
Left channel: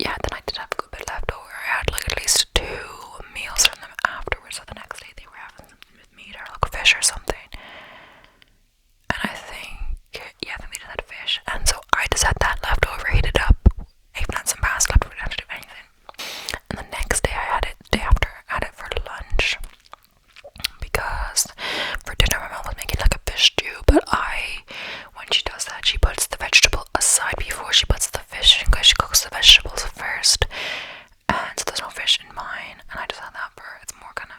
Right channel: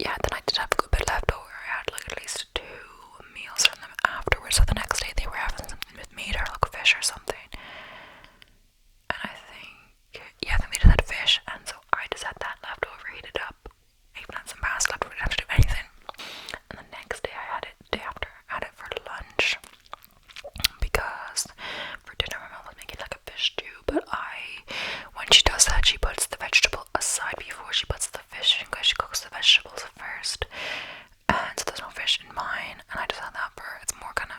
yeah, then I did have a good bit left over. I had like at least 2 meals from them afterwards. So the next day they were having something with meat or like fish or something. And I think, yeah, I think they just had fish. And so I just had that left over, heated up, even had some pasta left, didn't have to do anything. And the next day I had it, day after, I had it for lunch. Because for dinner my mom was making like a fish stew, but when she does that, she puts the vegetable aside before she puts the fish in, because she cooks the vegetables first. And so there's no fish in mine, and I just had that for, it's more kind of,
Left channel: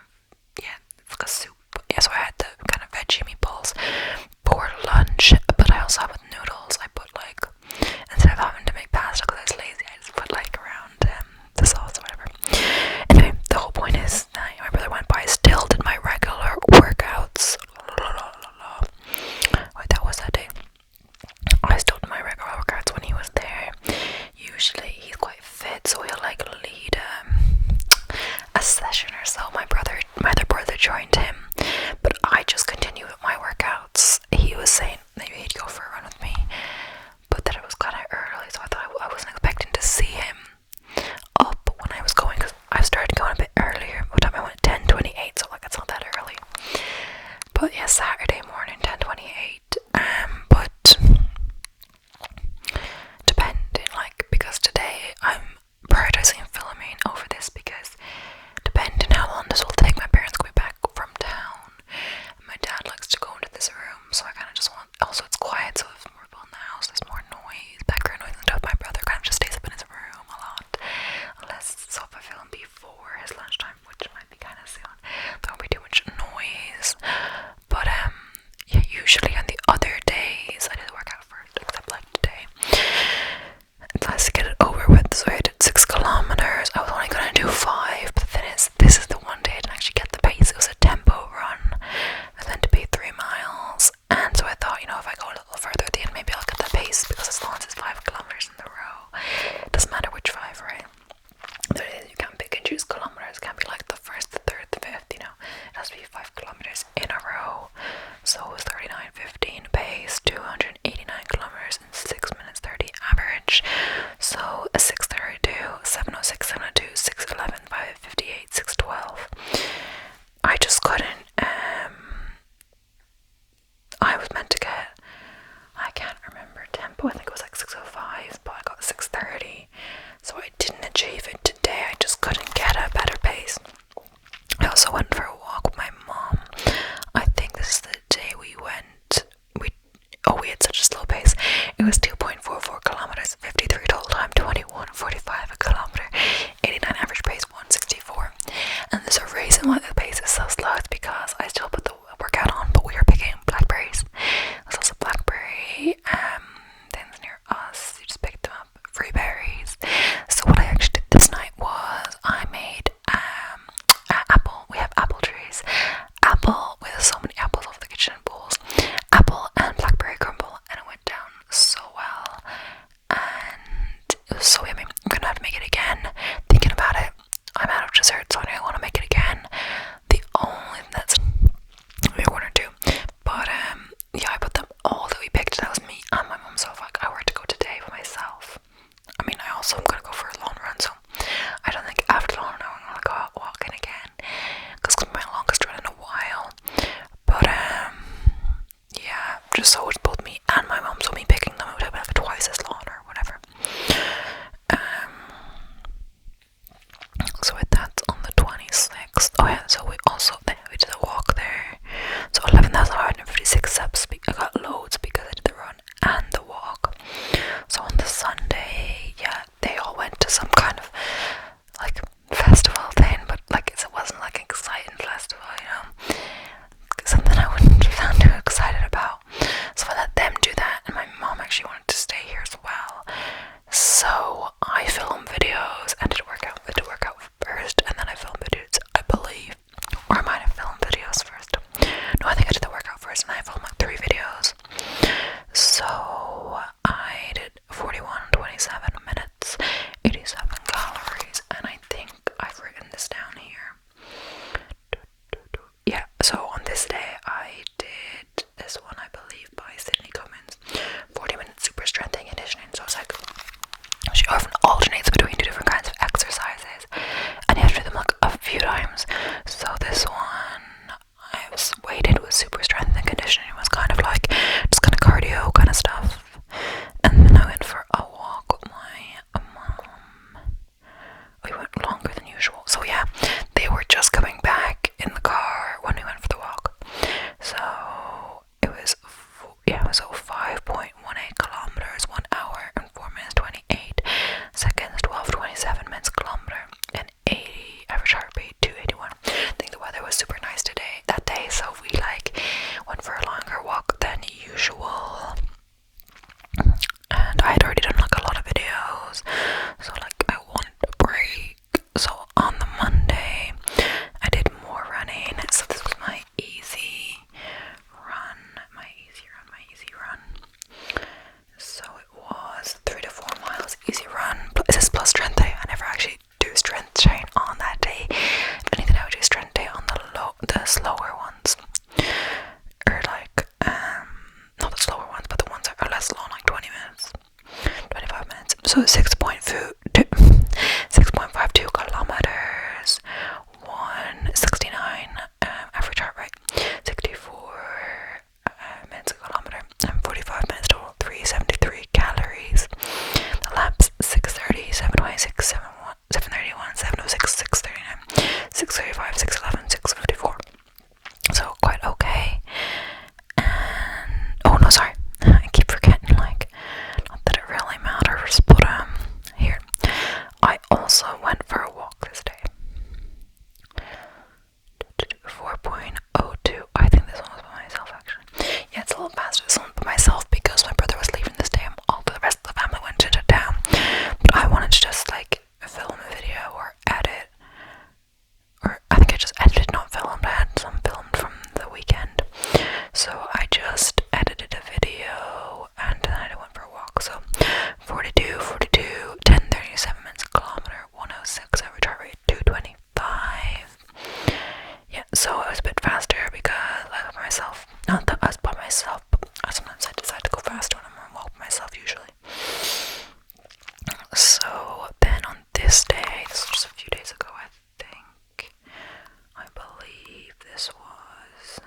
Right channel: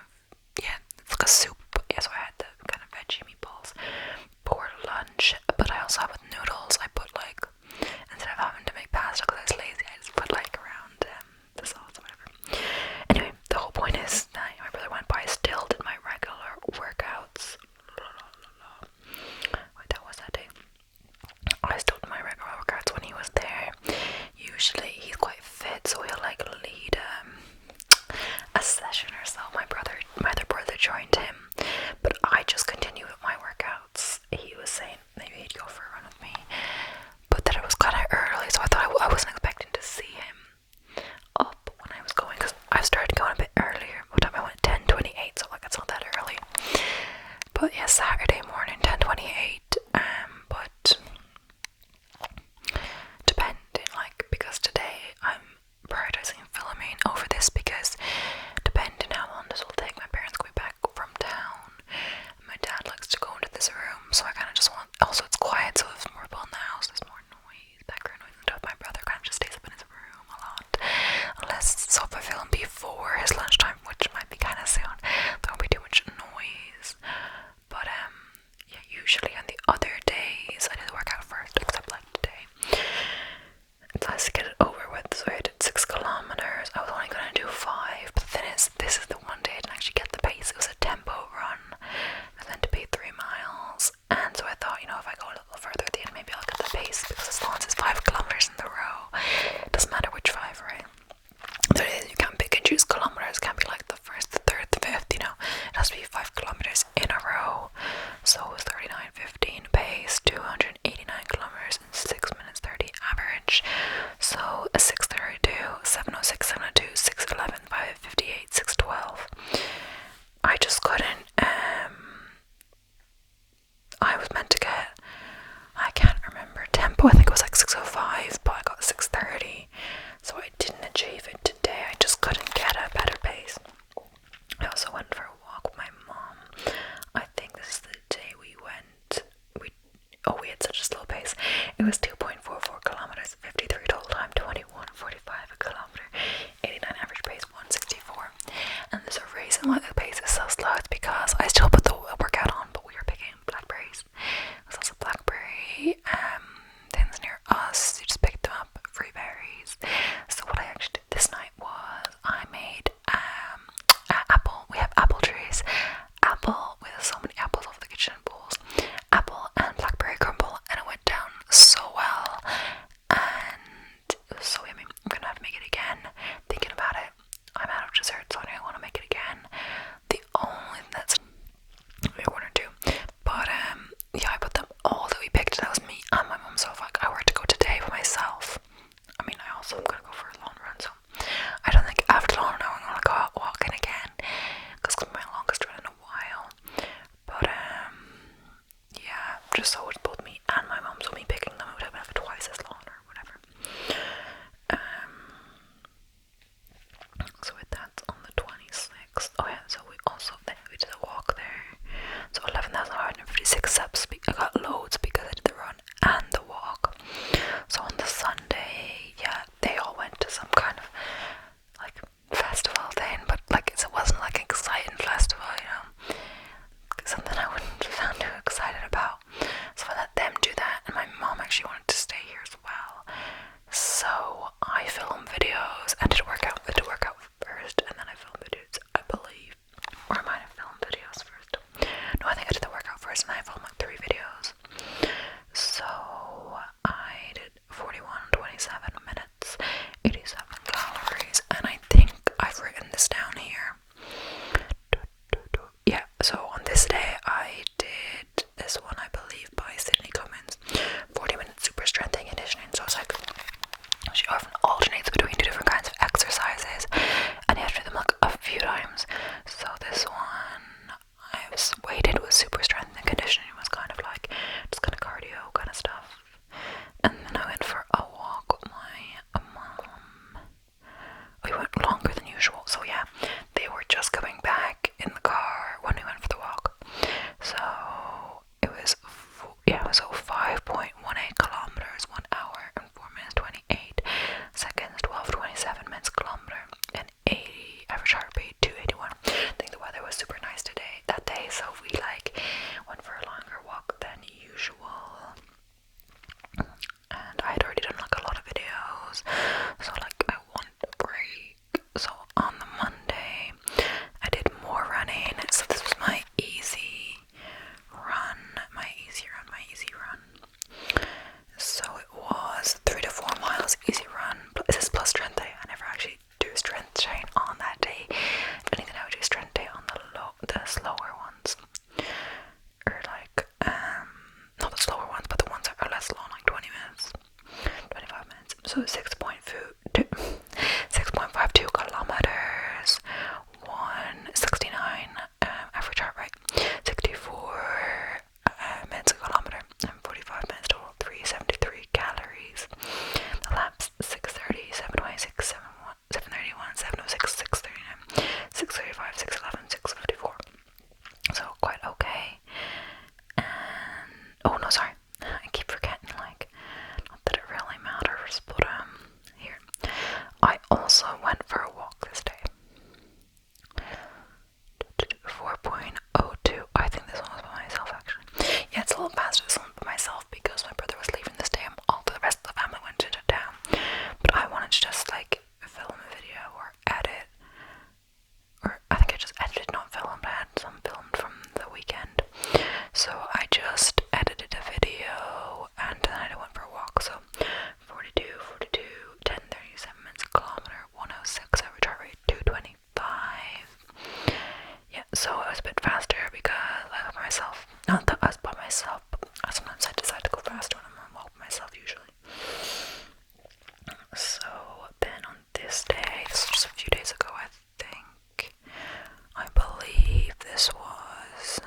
yeah, it's like a soup. Yeah, so I had the kind of veggie meatballs for lunch, but I also have with noodles. I put like, instead of having to make pasta because I was lazy, I just put like around the sauce or whatever. Anyway, the whole point is that my brother went by, still did my regular workouts. Wait, that was that day. I still did my regular workouts when he was there. Usually he's quite fit, so he'll like lead a session or so. My other brother joined him, but I just continued with my workouts. He was saying maybe he'd go for a run with me, but that it was kind of early, so I thought I wasn't expecting to see him up when I was going, because I started going a bit earlier. By the time I went 10:28, so like it's not that early. But yeah, Saturday morning 10:28. But depending, like, because today I'm prioritizing filming over this, because depending how long this will take, my parents will be back from town. And my dad likes to go into this room, so I kind of just want. Also, it's quiet, so if more people in the house, there's more noise, background noise and stuff. My brother kind of just stays up in his room a lot, unless so if I film before his lunchtime, which might be kind of soon, there won't be too much noise. But yeah, usually on the other days I do the workout first, except like today. Let's get it over with. So I did 6 kilometers. I was only gonna do 5, but the thing is, this is the one day I didn't actually get the pace. It was a tempo run, and then to be 3 miles. And so I thought, if I go a little further at the end, maybe I'll get the pace, because as long as it's 5 kilometers in the row, it doesn't matter which 5, right? There is, you can't pick and choose kilometers. It can't be like the first, the third, the fifth. It has to be 5 kilometers in a row. So it was 39:15 pace, 289 kilometers in 6 minutes 30 average. So a 6:32, 7:06, 7:02, 6:11, 5:58, 6:12. I just couldn't. I was meant to get, I can't remember tempo. I think it was like 6:05, but I got 6:30. So I didn't achieve it today. I just couldn't get a better pace. I also went for a walk with my mom. I think this is the day we had such a slow pace. It was 2.44 kilometers, 53 total time, 21:45 a kilometer, 89 average pace, 164. And there's a reason why the pace is so slow. It's because I still put the workout on, but we were picking blackberries. There's also blackberry things near us. You just pick them up, free berries. So what I actually did this night was I made apple. We have apple trees. Apple with so many apples off the kitchen bowls. Apple and blackberry crumble, and it went down so well. And it was so yummy. I'm gonna have to make it again. Thinking about it, I'm out of dessert, so I don't want to make it again. The only thing that's maybe 1 or 2, but yeah, I put them all that we picked. That was me and my mum. So if I were to go today by myself, I mean, I also am gonna go for a long run. So I don't think after long run I'm gonna go out walking again, because it's my longest run in a while. But yeah, just so it's both me and my mum. So me picking them, it would have been like twice as long or whatever. So that's on the 26th. Oh yeah, so we did a walk there. So 11,556 steps. I got loads because I did the run and the walk. So on the Sunday, yeah, they all went also went for a walk this day. 4.02. I think this one was by myself actually. Yeah, it's a little faster this one by myself because my brother was leaving this day and all the rest of the family went into town. But I wanted to just like film a video or edit. Or I think I just edited, not filmed. I had some filmed from the weekend. So I just edited a video and then I went for a walk. So 42, 10:37 minutes a kilometer, 106 average heart rate, 225. Yeah, so I was a bit faster because I was by myself. Not that I was by myself, but sometimes I decide to go faster when I'm on a walk by myself usually. So then on this day, this was just a few days ago I think, I believe this was,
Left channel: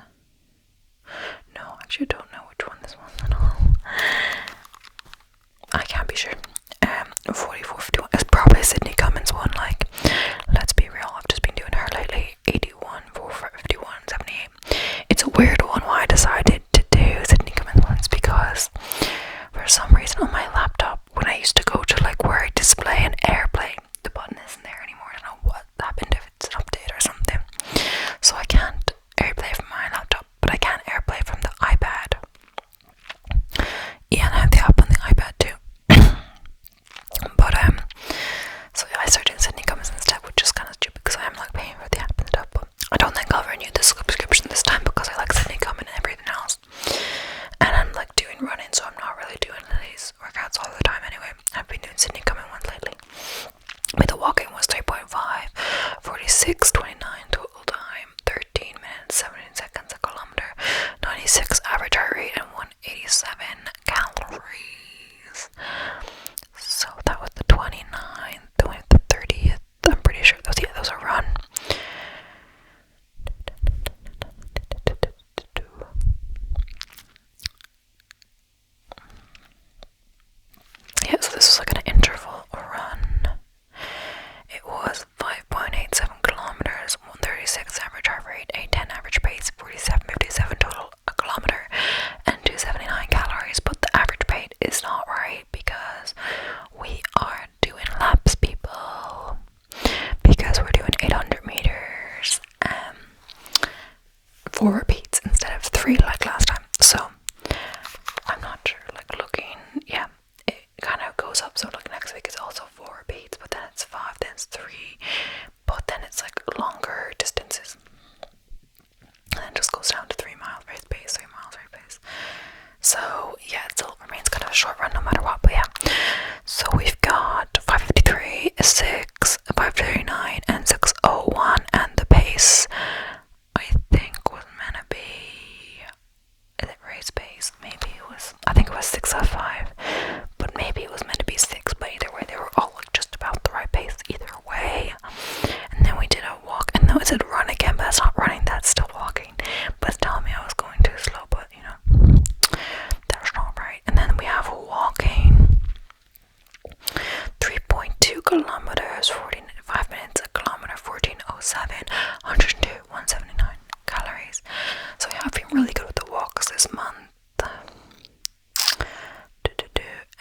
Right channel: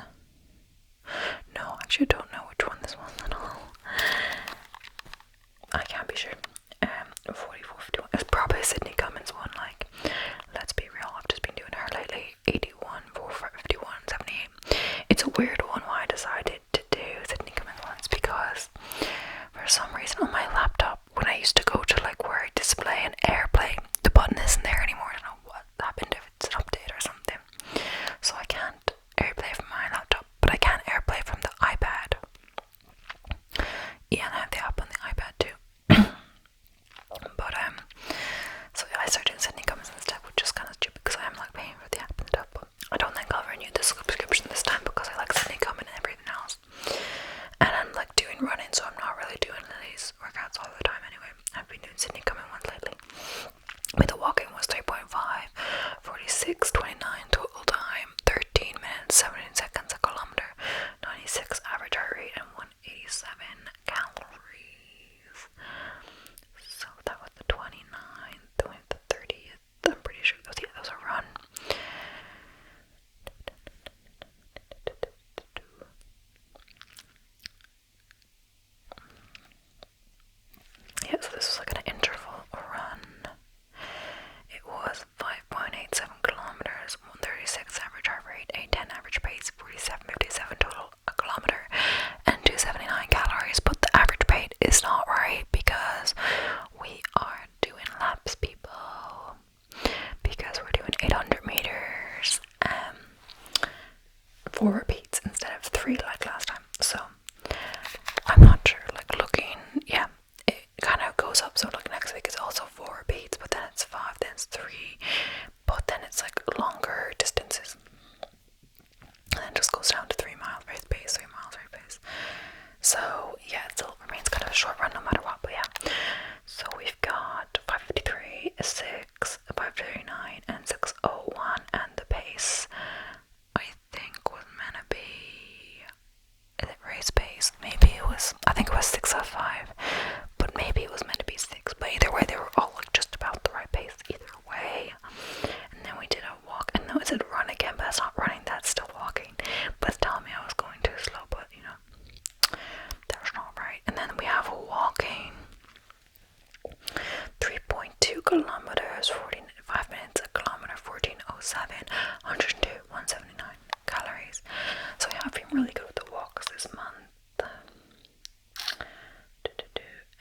no, actually I don't know which one this was at all. I can't be sure. 44, 51. It's probably a Sydney Cummings one. Like, let's be real, I've just been doing her lately. 81, 51, 78. It's a weird one why I decided to do Sydney Cummings ones because for some reason on my laptop, when I used to go to like where I display an AirPlay, the button isn't there anymore. I don't know what happened, if it's an update or something. So I can't AirPlay from my laptop, but I can AirPlay from the iPad. Yeah, and I have the app on the iPad too. But so yeah, I started doing Sydney Cummings instead, which is kind of stupid because I am like paying for the app and stuff. But I don't think I'll renew this subscription this time because I like Sydney Cummings and everything else. And I'm like doing running, so I'm not really doing these workouts all the time anyway. I've been doing Sydney Cummings ones lately. But the walking was 3.5, 46:29 total time, 13 minutes, 17 seconds a kilometer, 96 average heart rate, and 187 calories. So that was the 29th, the 30th. I'm pretty sure those are run. Yeah, so this was like an interval run. It was 5.87 kilometers, 136 average heart rate, 810 average pace, 47.57 total a kilometer, and 279 calories. But the average pace is not right because we are doing laps, people. Because we're doing 800 meters, 4 repeats instead of 3 like last time. So I'm not sure. Like looking, yeah. It kind of goes up, so like next week is also 4 repeats, but then it's 5, then it's 3, but then it's like longer distances, and then it just goes down to 3 miles race pace, 3 miles race pace. So yeah, it still remains kind of a short run no matter what, but yeah. So we've got 5:53, 6, 5:39, and 6:01, and the pace I think was meant to be, is it race pace? Maybe it was, I think it was 6:05, but maybe it was meant to be 6, but either way they were all like just about the right pace either way. And then we did a walk, and then it said run again, but that's not running, that's still walking, but it's telling me I was going too slow, but you know, that was not right. And then we have a walking 3.2 kilometers, 45 minutes a kilometer, 14:07, 102, 179 calories. So yeah, I've been really good with the walks this month.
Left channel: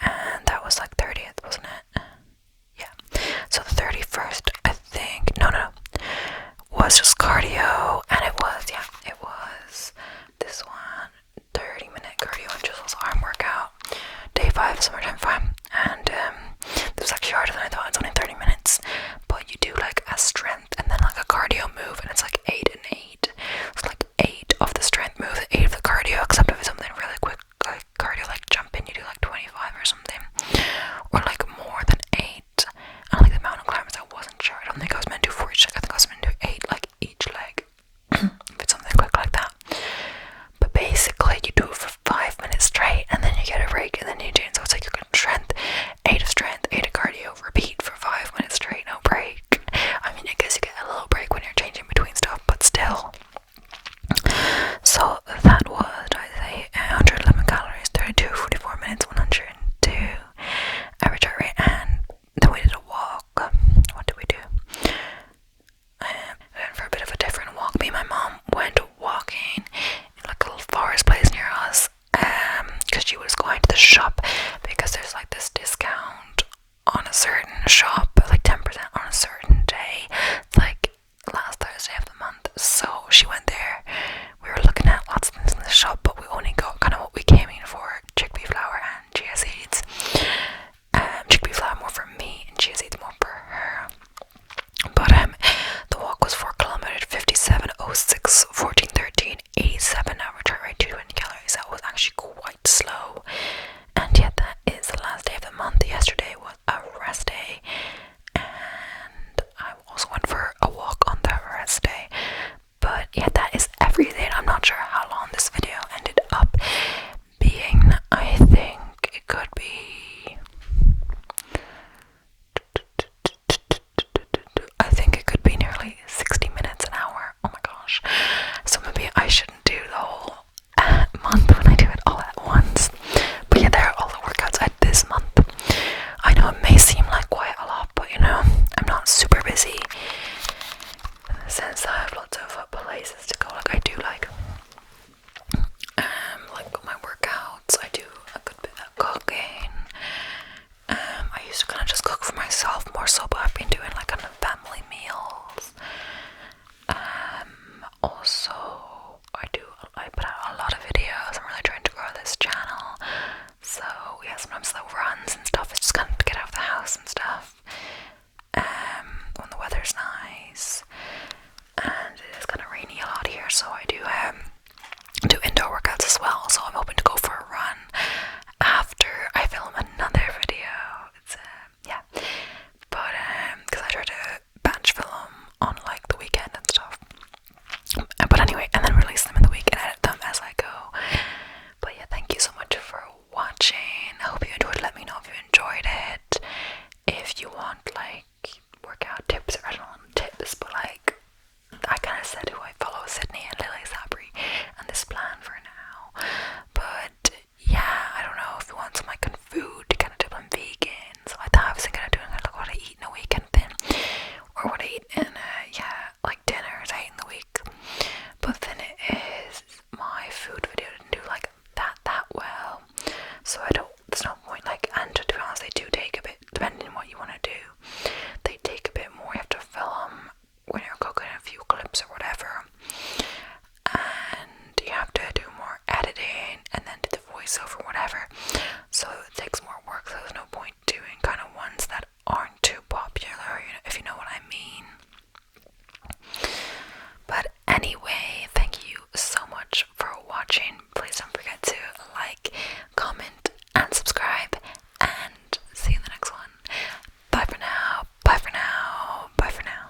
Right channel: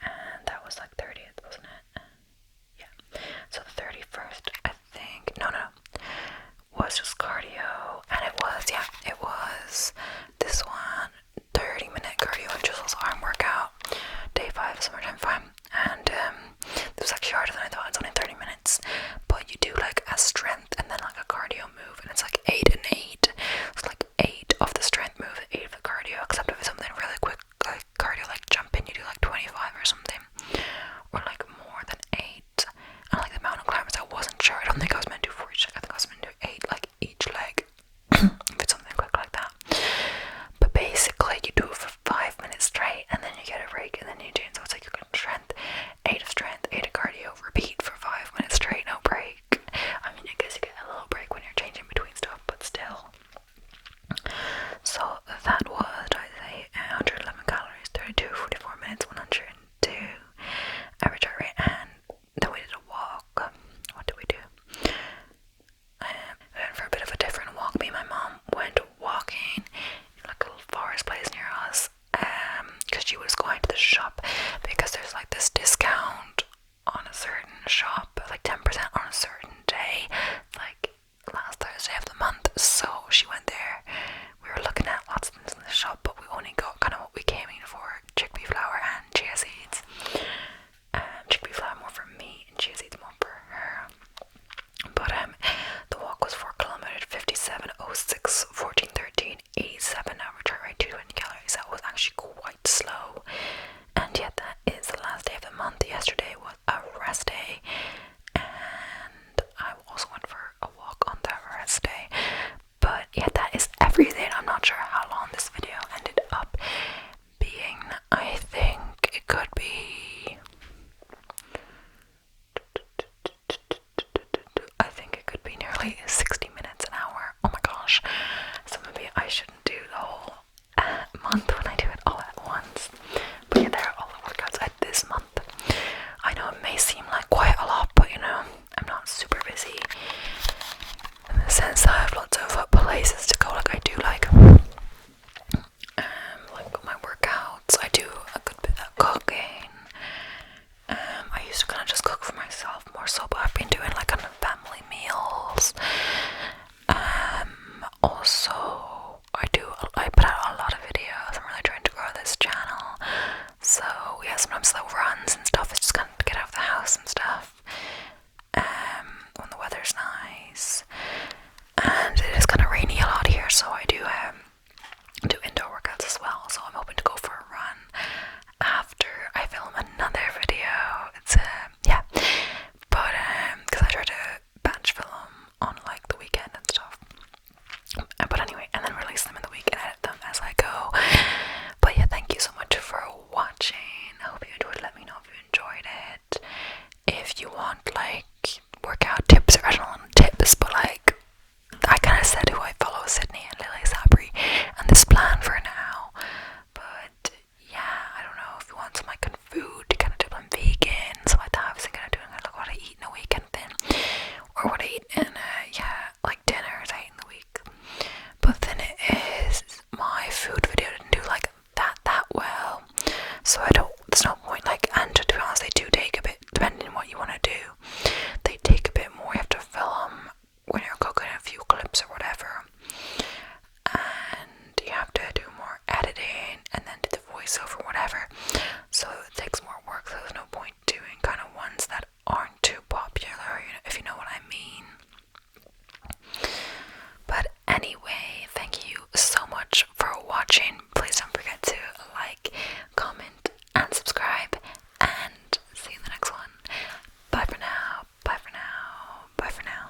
And that was like 30th, wasn't it? Yeah. So the 31st, I think, no, was just cardio, and it was this one, 30-minute cardio and Jizzle's arm workout, day 5, summertime 5, and it was actually harder than I thought. It's only 30 minutes, muscle, but I've been doing like a